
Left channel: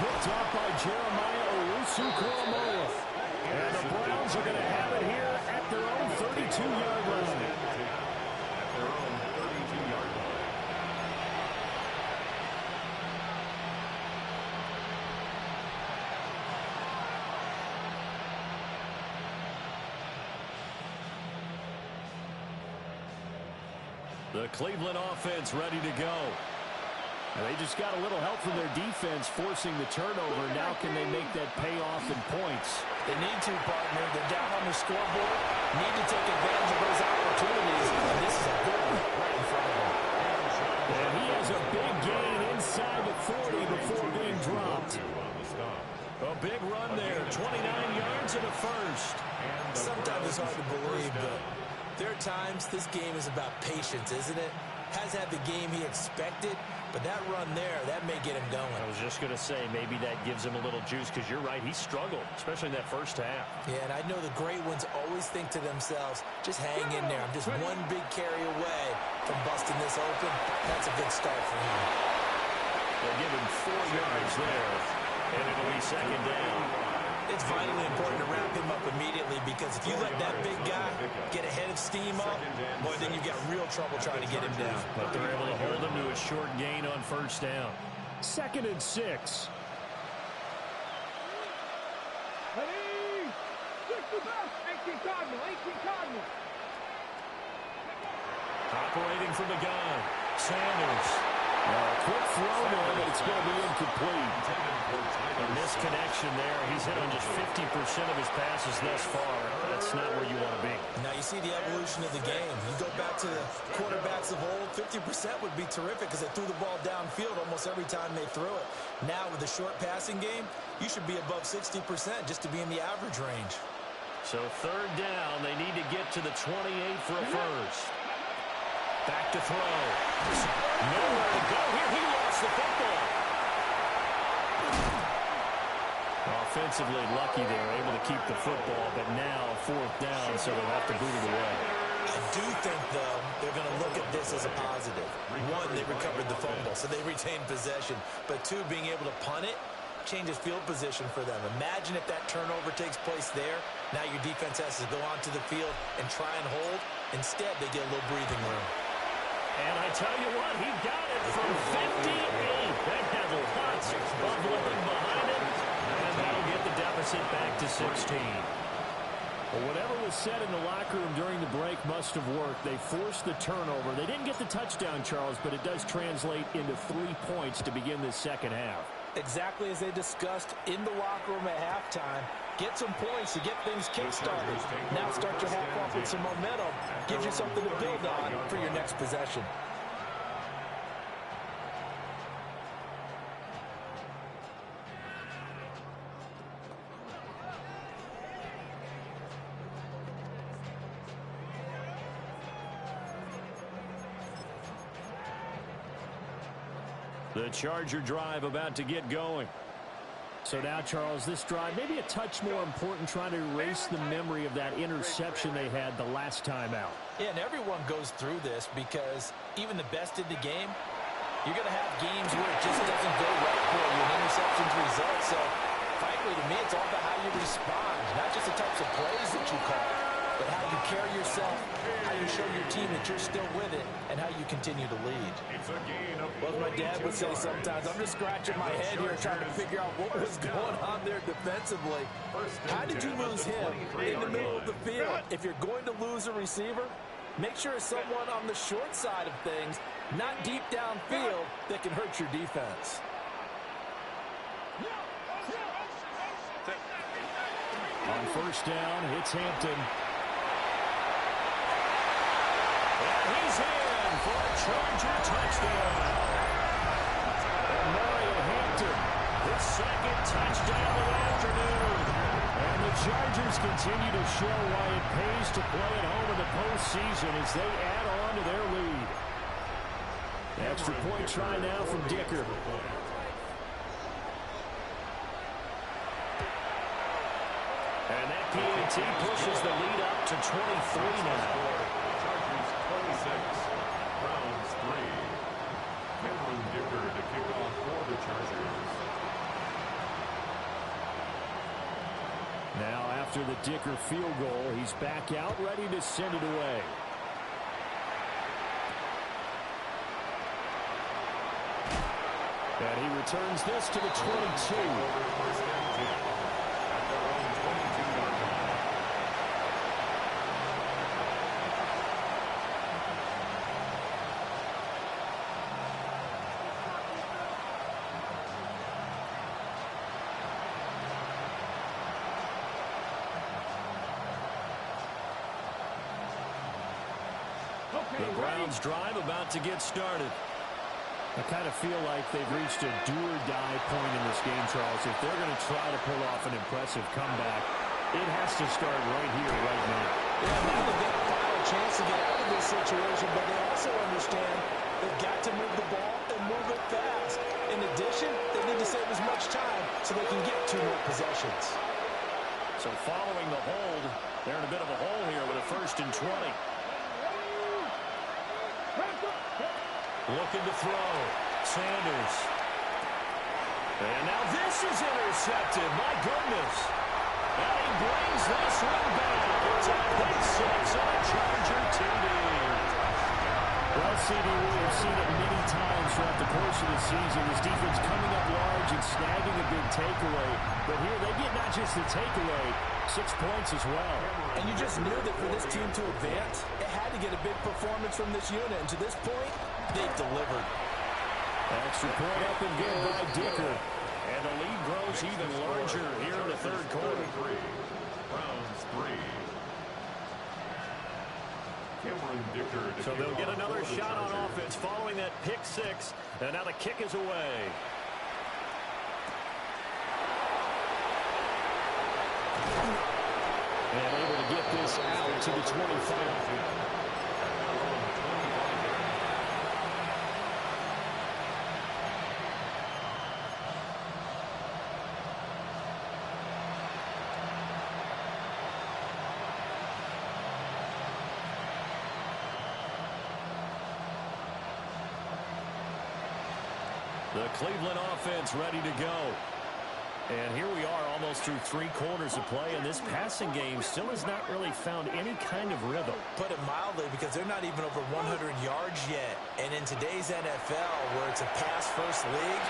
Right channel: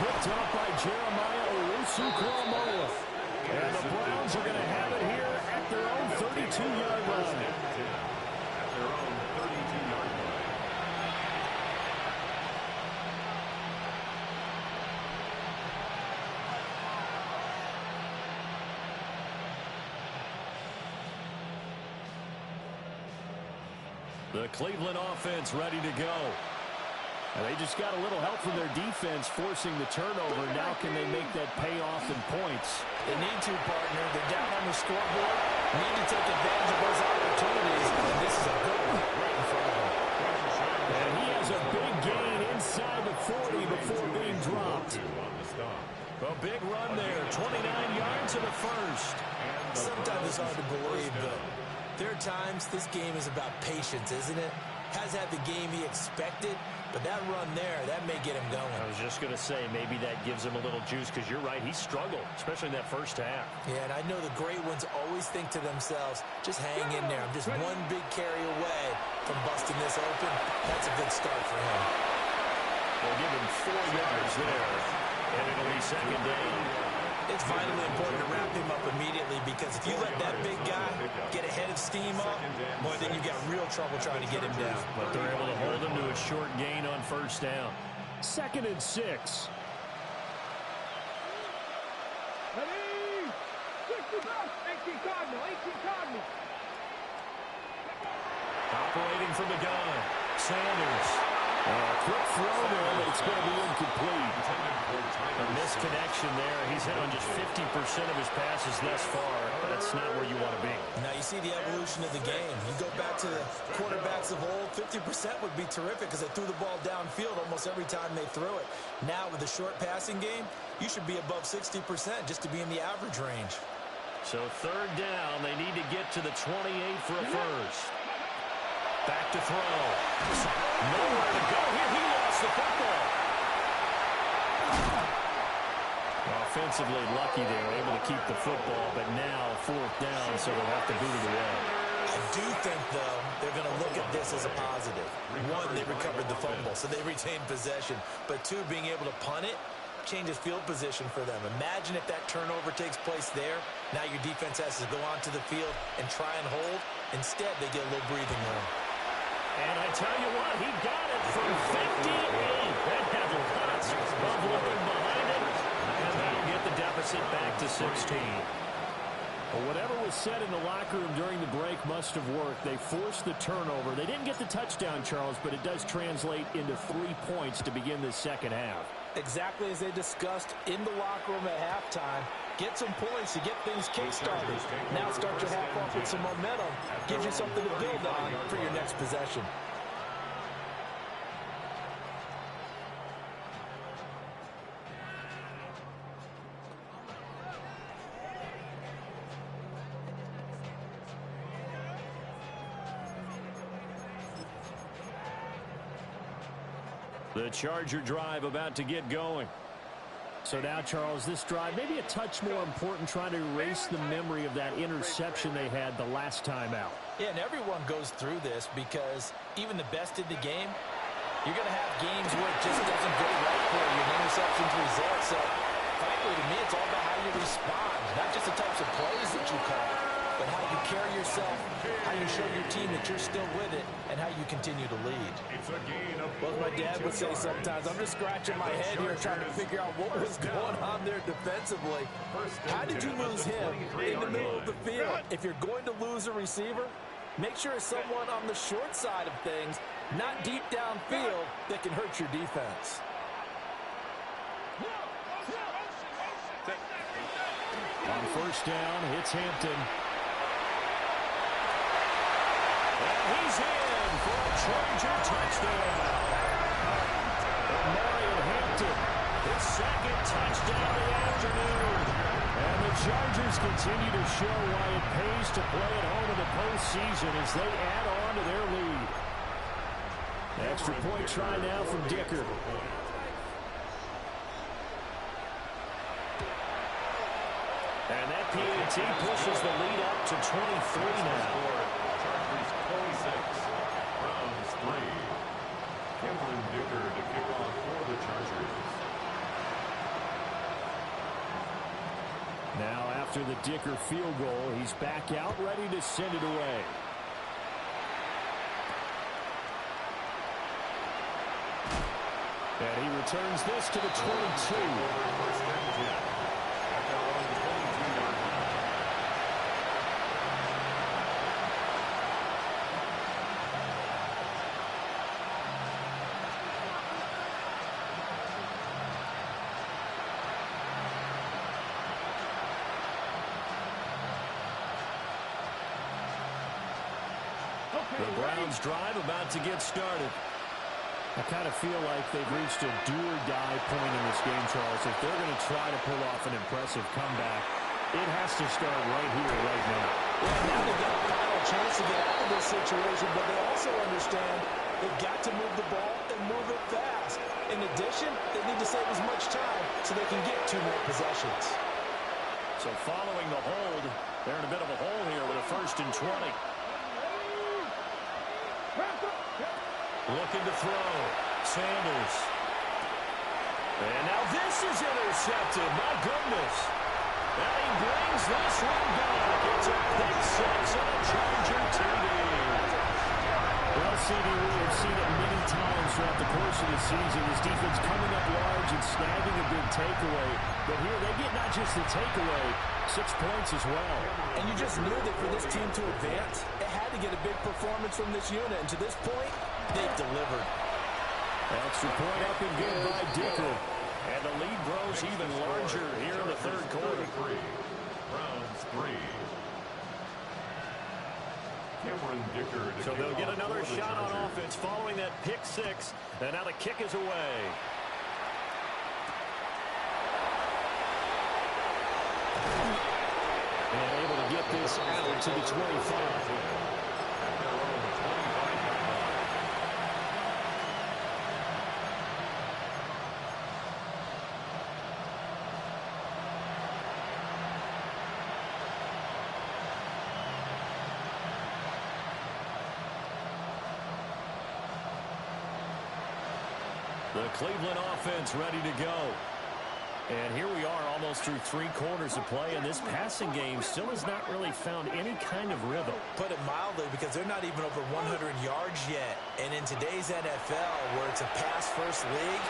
Picked up by Jeremiah Owusu-Koramoah. And the Browns are going to have it here at their own 32-yard line. At their own 32-yard line. The Cleveland offense ready to go. And they just got a little help from their defense forcing the turnover. Now can they make that pay off in points? They need to, partner. They're down on the scoreboard. Need to take advantage of those opportunities. And this is a good one right in front of them. And he has a big gain inside the 40 before being dropped. A big run there, 29 yards and a first. Sometimes it's hard to believe, but there are times this game is about patience, isn't it? Has had the game he expected, but that run there, that may get him going. I was just going to say, maybe that gives him a little juice, because you're right, he struggled, especially in that first half. Yeah, and I know the great ones always think to themselves, just hang in there. I'm just one big carry away from busting this open. That's a good start for him. They'll give him 4 yards there, and it'll be second down. It's vitally important to wrap him up immediately, because if you let that big guy get a head of steam up, boy, then you've got real trouble trying to get him down. But they're able to hold him to a short gain on first down. 2nd and 6. Ready? 18 Cardinal, 18 Cardinal. Operating from the gun, Sanders. Quick throw there, but it's going to be incomplete. A misconnection there. He's hit on just 50% of his passes thus far. That's not where you want to be. Now you see the evolution of the game. You go back to the quarterbacks of old, 50% would be terrific because they threw the ball downfield almost every time they threw it. Now with the short passing game, you should be above 60% just to be in the average range. So 3rd down, they need to get to the 28 for a first. Back to throw. Nowhere to go here. He lost the football. Offensively lucky there, able to keep the football, but now 4th down, so they'll have to boot it away. I do think, though, they're going to look at this as a positive. 1, they recovered the fumble, so they retained possession. But 2, being able to punt it changes field position for them. Imagine if that turnover takes place there. Now your defense has to go onto the field and try and hold. Instead, they get a little breathing room. And I tell you what, he got it from 58. That had lots of living behind it. And that'll get the deficit back to 16. Well, whatever was said in the locker room during the break must have worked. They forced the turnover. They didn't get the touchdown, Charles, but it does translate into 3 points to begin this second half. Exactly as they discussed in the locker room at halftime. Get some points to get things kick-started. Now start your half off with some momentum. Gives you something to build on for your next possession. The Charger drive about to get going. So now, Charles, this drive maybe a touch more important, trying to erase the memory of that interception they had the last time out. Yeah, and everyone goes through this because even the best in the game, you're going to have games where it just doesn't go right for you, and interceptions result. So, frankly, to me, it's all about how you respond, not just the types of plays that you call, but how you carry yourself, how you show your team that you're still with it, and how you continue to lead. It's a gain of Well, as my dad would say sometimes, I'm just scratching my head here trying to figure out what was going on there defensively. How did you lose him in the middle of the field? If you're going to lose a receiver, make sure it's someone on the short side of things, not deep downfield, that can hurt your defense. On first down, it's Hampton. And he's in for a Charger touchdown. And Marion Hampton, his 2nd touchdown of the afternoon. And the Chargers continue to show why it pays to play at home in the postseason as they add on to their lead. Extra point try now from Dicker. And that PAT pushes the lead up to 23 now. Chargers 26, Browns 3. Cameron Dicker to kick off for the Chargers. Now after the Dicker field goal, he's back out ready to send it away. And he returns this to the 22. First and 10 at their own 22-yard line. Okay, The Browns drive about to get started. I kind of feel like they've reached a do-or-die point in this game, Charles. If they're going to try to pull off an impressive comeback, it has to start right here, right now. Yeah, now they've got a final chance to get out of this situation, but they also understand they've got to move the ball and move it fast. In addition, they need to save as much time so they can get 2 more possessions. So following the hold, they're in a bit of a hole here with a 1st and 20. Looking to throw. Sanders. And now this is intercepted. My goodness. And he brings this one back. It's a pick 6 and a Charger TD. Well, CD, we have seen it many times throughout the course of the season. This defense coming up large and snagging a big takeaway. But here they get not just the takeaway, 6 points as well. And you just knew that for this team to advance, it had to get a big performance from this unit. And to this point, they've delivered. Extra point up and good by Dicker. And the lead grows even larger here in the 3rd quarter. Browns 3. Cameron Dicker. So they'll get another shot on offense following that pick 6. And now the kick is away. And able to get this out to the 25. At their own 25-yard line. The Cleveland offense ready to go. And here we are almost through 3 quarters of play, and this passing game still has not really found any kind of rhythm. Put it mildly, because they're not even over 100 yards yet. And in today's NFL, where it's a pass-first league,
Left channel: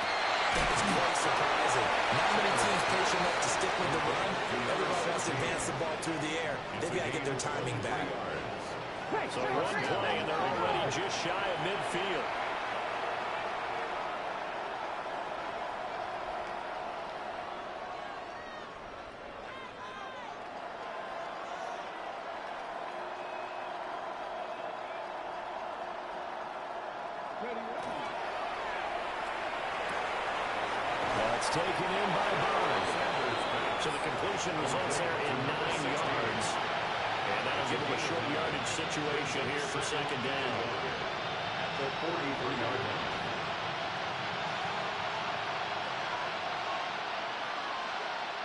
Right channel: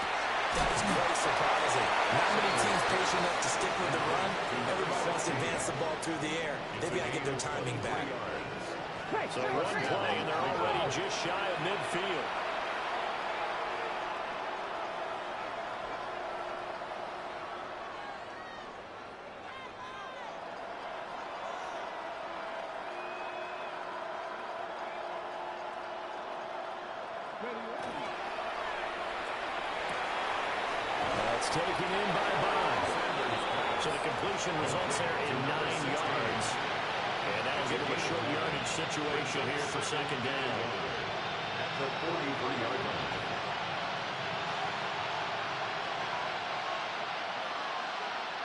that is quite surprising. Not many teams patient enough to stick with the run. Everybody wants to advance the ball through the air. They've got to get their timing back. So one play, and they're already just shy of midfield. That's taken in by Bond. So the completion results there in 9 yards. And that'll give them a short yardage situation here for 2nd down. At the 43-yard line.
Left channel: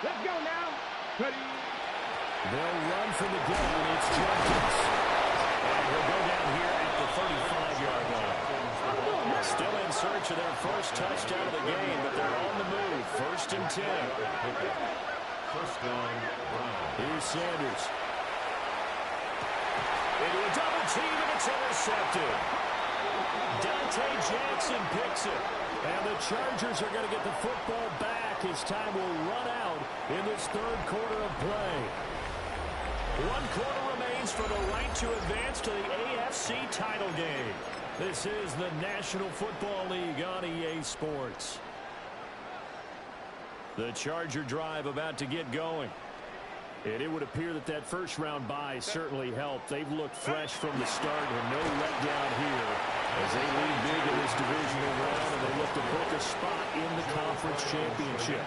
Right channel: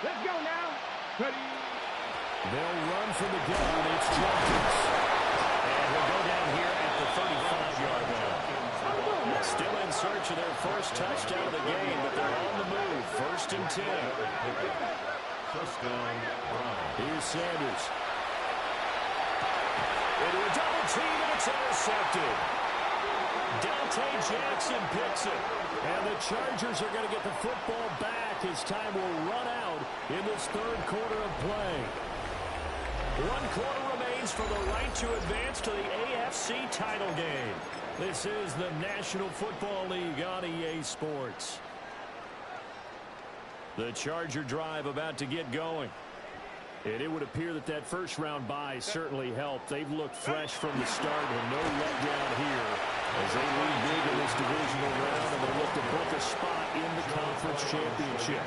Let's go now. Ready. They'll run from the gun. It's Jenkins. And he'll go down here at the 35-yard line. Still in search of their first touchdown of the game, but they're on the move. 1st and 10. First down, Brown. Here's Sanders. Into a double team, and it's intercepted. Dante Jackson picks it. And the Chargers are going to get the football back as time will run out in this 3rd quarter of play. 1 quarter remains for the right to advance to the AFC title game. This is the National Football League on EA Sports. The Charger drive about to get going. And it would appear that that first-round bye certainly helped. They've looked fresh from the start and no letdown here as they lead big in this divisional round, and they look to book a spot in the conference championship.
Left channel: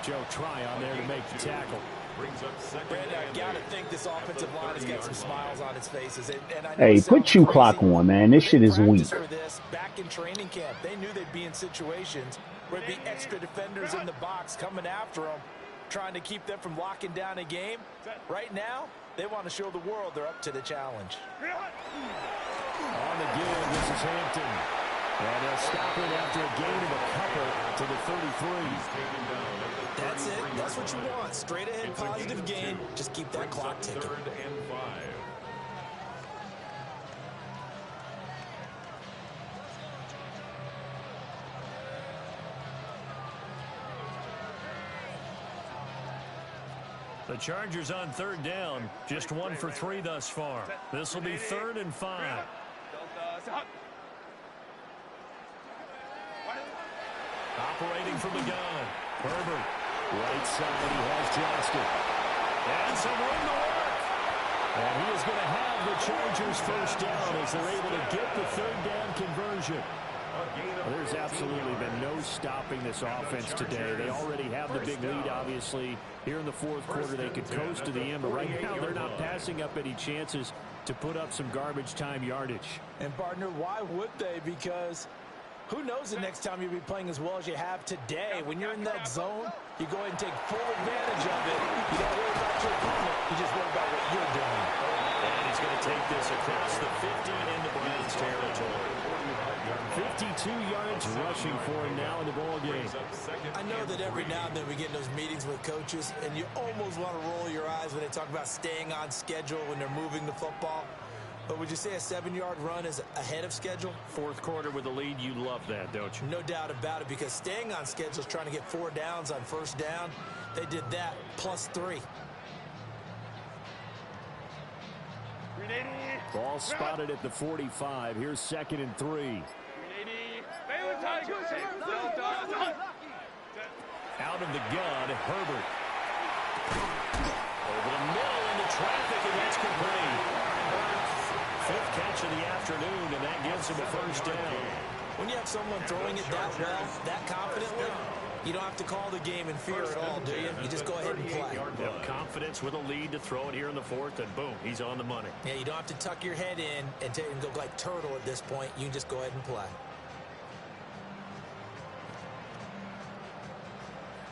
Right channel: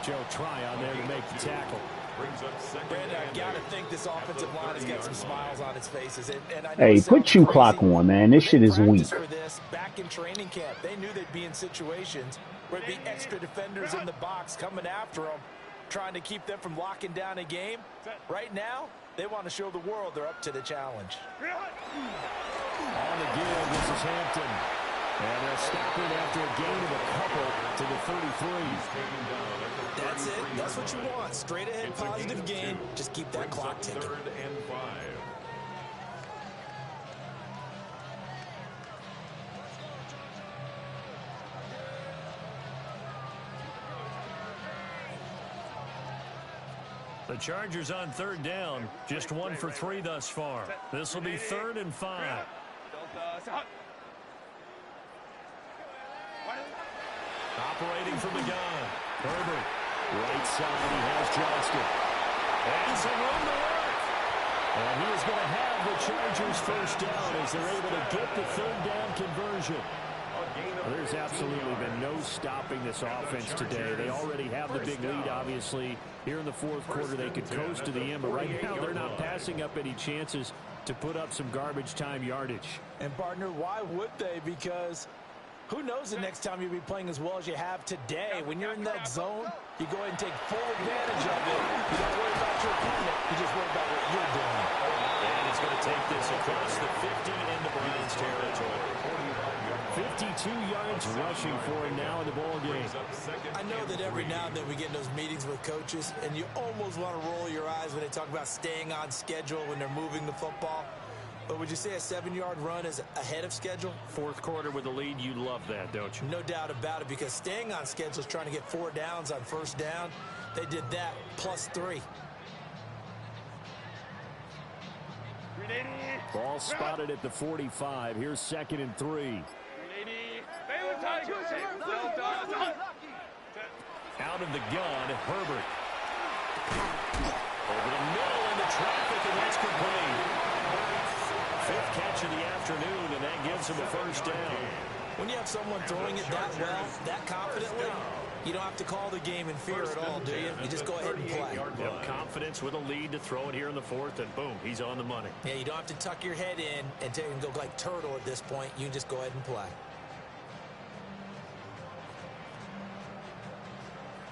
Joe Tryon there to make the tackle. Brandon, I've got to think this offensive line has got some smiles on its faces. And I know Hey, put you clock on, man. This shit is weak. For this, back in training camp, they knew they'd be in situations where there'd be extra defenders in the box coming after them, trying to keep them from locking down a game. Right now, they want to show the world they're up to the challenge. On the give, this is Hampton. And they'll stop it after a gain of a couple to the 33. That's it. That's what you want. Straight ahead, positive gain. Just keep that clock ticking. 3rd and 5. The Chargers on 3rd down. Just 1 for 3 thus far. This will be 3rd and 5. Operating from the gun. Herbert. Right side, he has Johnston. And some room to work. And he is going to have the Chargers first down as they're able to get the third down conversion. Well, there's absolutely been no stopping this offense today. They already have the big lead, obviously. Here in the fourth quarter, they could coast to the end, but right now they're not passing up any chances to put up some garbage time yardage. And, partner, why would they? Because who knows the next time you'll be playing as well as you have today. When you're in that zone, you go ahead and take full advantage of it. You don't worry about your opponent. You just worry about what you're doing. And he's going to take this across the 50 into Browns territory. 52 yards rushing for him now in the ball game. I know that every now and then we get in those meetings with coaches, and you almost want to roll your eyes when they talk about staying on schedule when they're moving the football. But would you say a 7-yard run is ahead of schedule? Fourth quarter with the lead, you love that, don't you? No doubt about it, because staying on schedule is trying to get 4 downs on first down. They did that plus 3. Ball spotted at the 45. Here's 2nd and 3. Out of the gun, Herbert. Over the middle into traffic, and that's complete. 5th catch of the afternoon, and that gives him a first down. When you have someone throwing it that well, that confidently, you don't have to call the game in fear at all, do you? You just go ahead and play. You have confidence with a lead to throw it here in the 4th, and boom, he's on the money. Yeah, you don't have to tuck your head in and go like turtle at this point. You can just go ahead and play.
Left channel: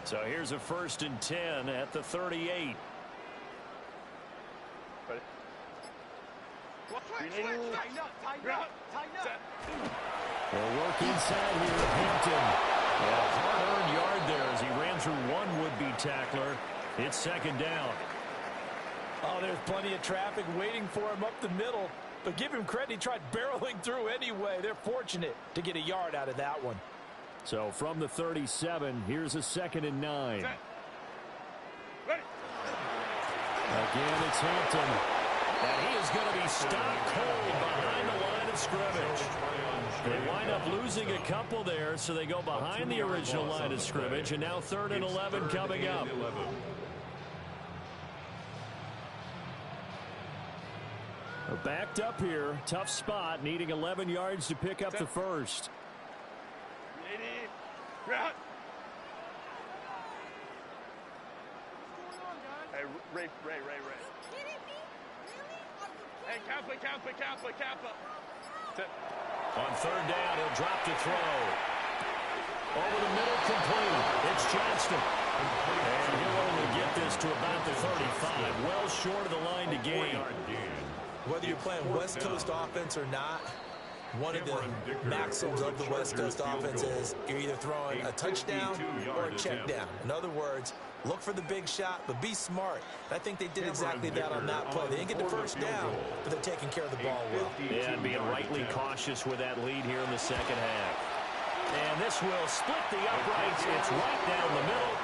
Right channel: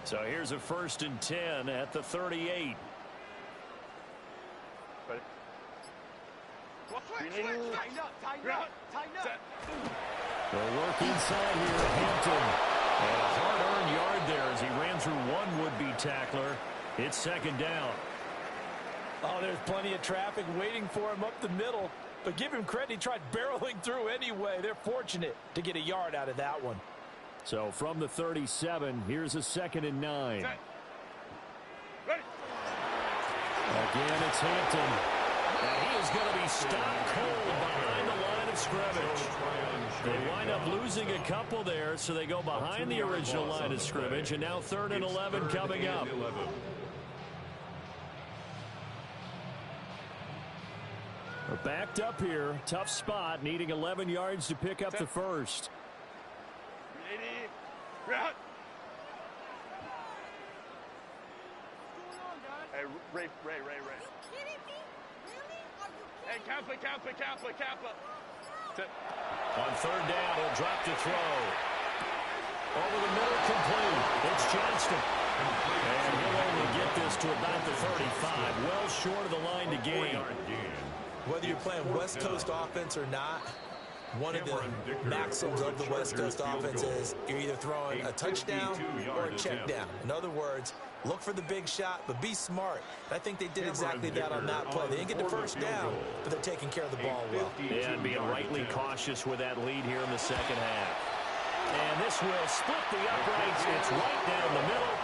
So here's a 1st and 10 at the 38. Ready? They'll work inside here. Hampton. And a hard-earned yard there as he ran through one would-be tackler. It's 2nd down. Oh, there's plenty of traffic waiting for him up the middle. But give him credit, he tried barreling through anyway. They're fortunate to get a yard out of that one. So from the 37, here's a 2nd and 9. Ready. Again, it's Hampton. And he is going to be stopped cold behind the line of scrimmage. They wind up losing a couple there, so they go behind the original line of scrimmage, and now 3rd and 11 coming up. We're backed up here. Tough spot, needing 11 yards to pick up the first. Route. Hey, Ray. Are you kidding me? Really? Are you kidding Hey, Kappa. On 3rd down, he'll drop to throw. Over the middle, complete. It's Johnston. And he'll only get this to about the 35, well short of the line to gain. Whether you're playing West Coast offense or not, one of the maxims of the West Coast offense is you're either throwing a touchdown or a check down. In other words, look for the big shot, but be smart. I think they did exactly that on that play. They didn't get the first down, but they're taking care of the ball well. Yeah, and being rightly cautious with that lead here in the 2nd half. And this will split the uprights. It's right down the middle,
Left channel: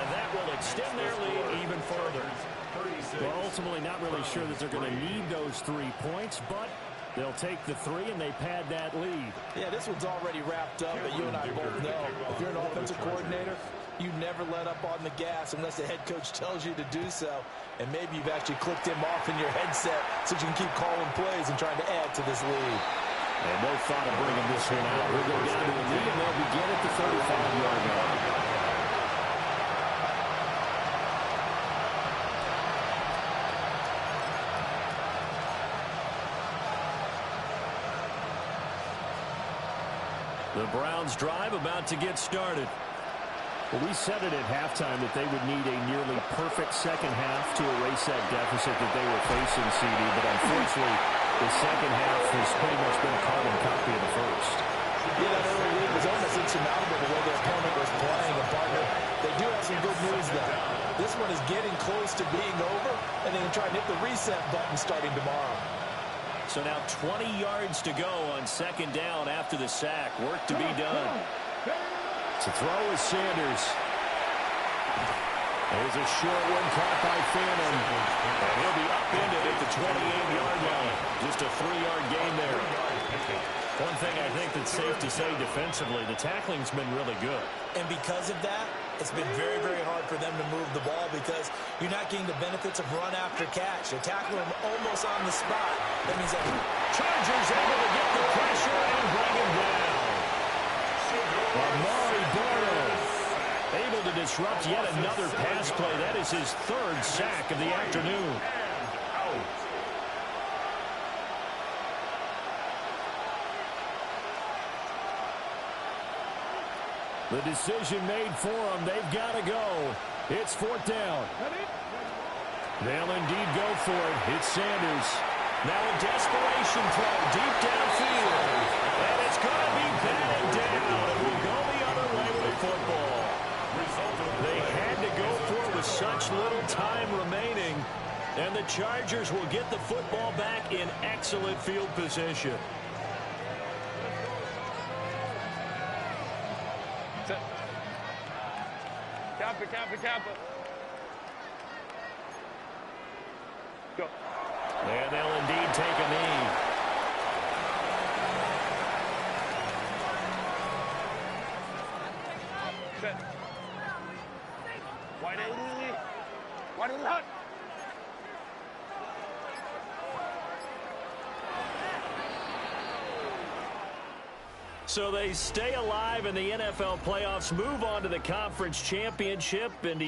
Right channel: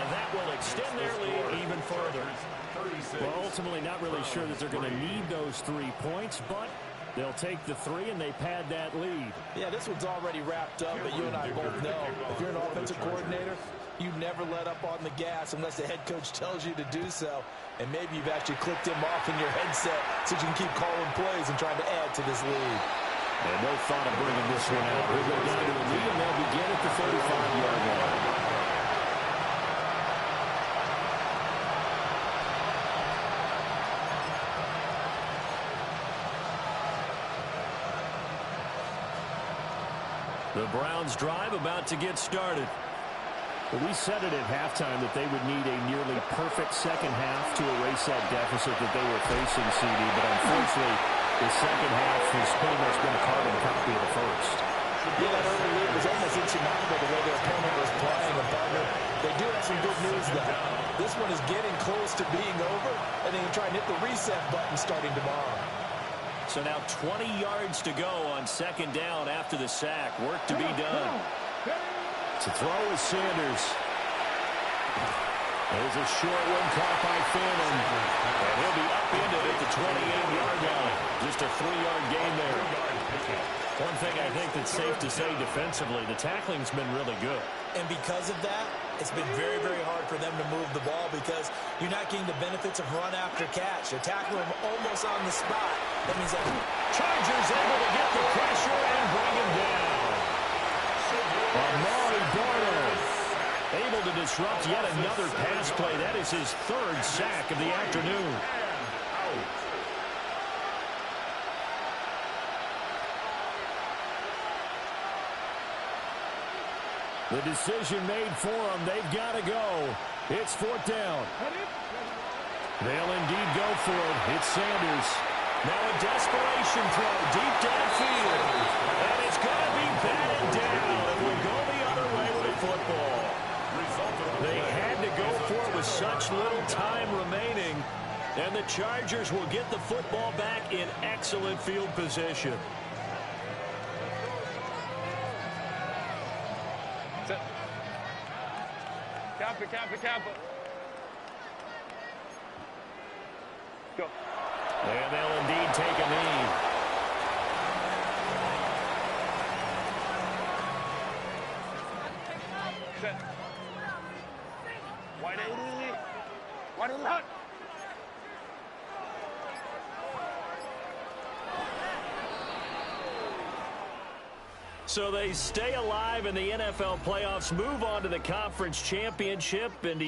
and that will extend their lead even further. Well, ultimately not really sure that they're going to need those 3 points, but they'll take the 3 and they pad that lead. Yeah, this one's already wrapped up, but you and I both know if you're an offensive coordinator, you never let up on the gas unless the head coach tells you to do so. And maybe you've actually clicked him off in your headset so you can keep calling plays and trying to add to this lead. And no thought of bringing this one out. He'll go down to the lead, and they'll begin at the 35-yard line. The Browns drive about to get started. Well, we said it at halftime that they would need a nearly perfect second half to erase that deficit that they were facing, CD, but unfortunately, the second half has pretty much been a carbon copy of the first. Yeah, that early lead was almost insurmountable the way their opponent was playing. And, partner, they do have some good news, though. This one is getting close to being over, and they can try and hit the reset button starting tomorrow. So now 20 yards to go on 2nd down after the sack. Work to be done. To throw is Sanders. There's a short one caught by Phantom. And he'll be upended at the 28-yard line. Just a 3-yard gain there. One thing I think that's safe to say defensively, the tackling's been really good. And because of that, It's been very, very hard for them to move the ball because you're not getting the benefits of run after catch. You tackle them almost on the spot. That means that Chargers able to get the pressure and bring him down. Amari Barno able to disrupt yet another pass play. That is his third sack of the afternoon. The decision made for them. They've got to go. It's fourth down. They'll indeed go for it. It's Sanders. Now a desperation throw deep downfield. And it's going to be batted down. It will go the other way with the football. They had to go for it with such little time remaining. And the Chargers will get the football back in excellent field position. Kappa. Go. And they'll indeed take a knee. Set. Wide 80. Wide left. So they stay alive in the NFL playoffs, move on to the conference championship, and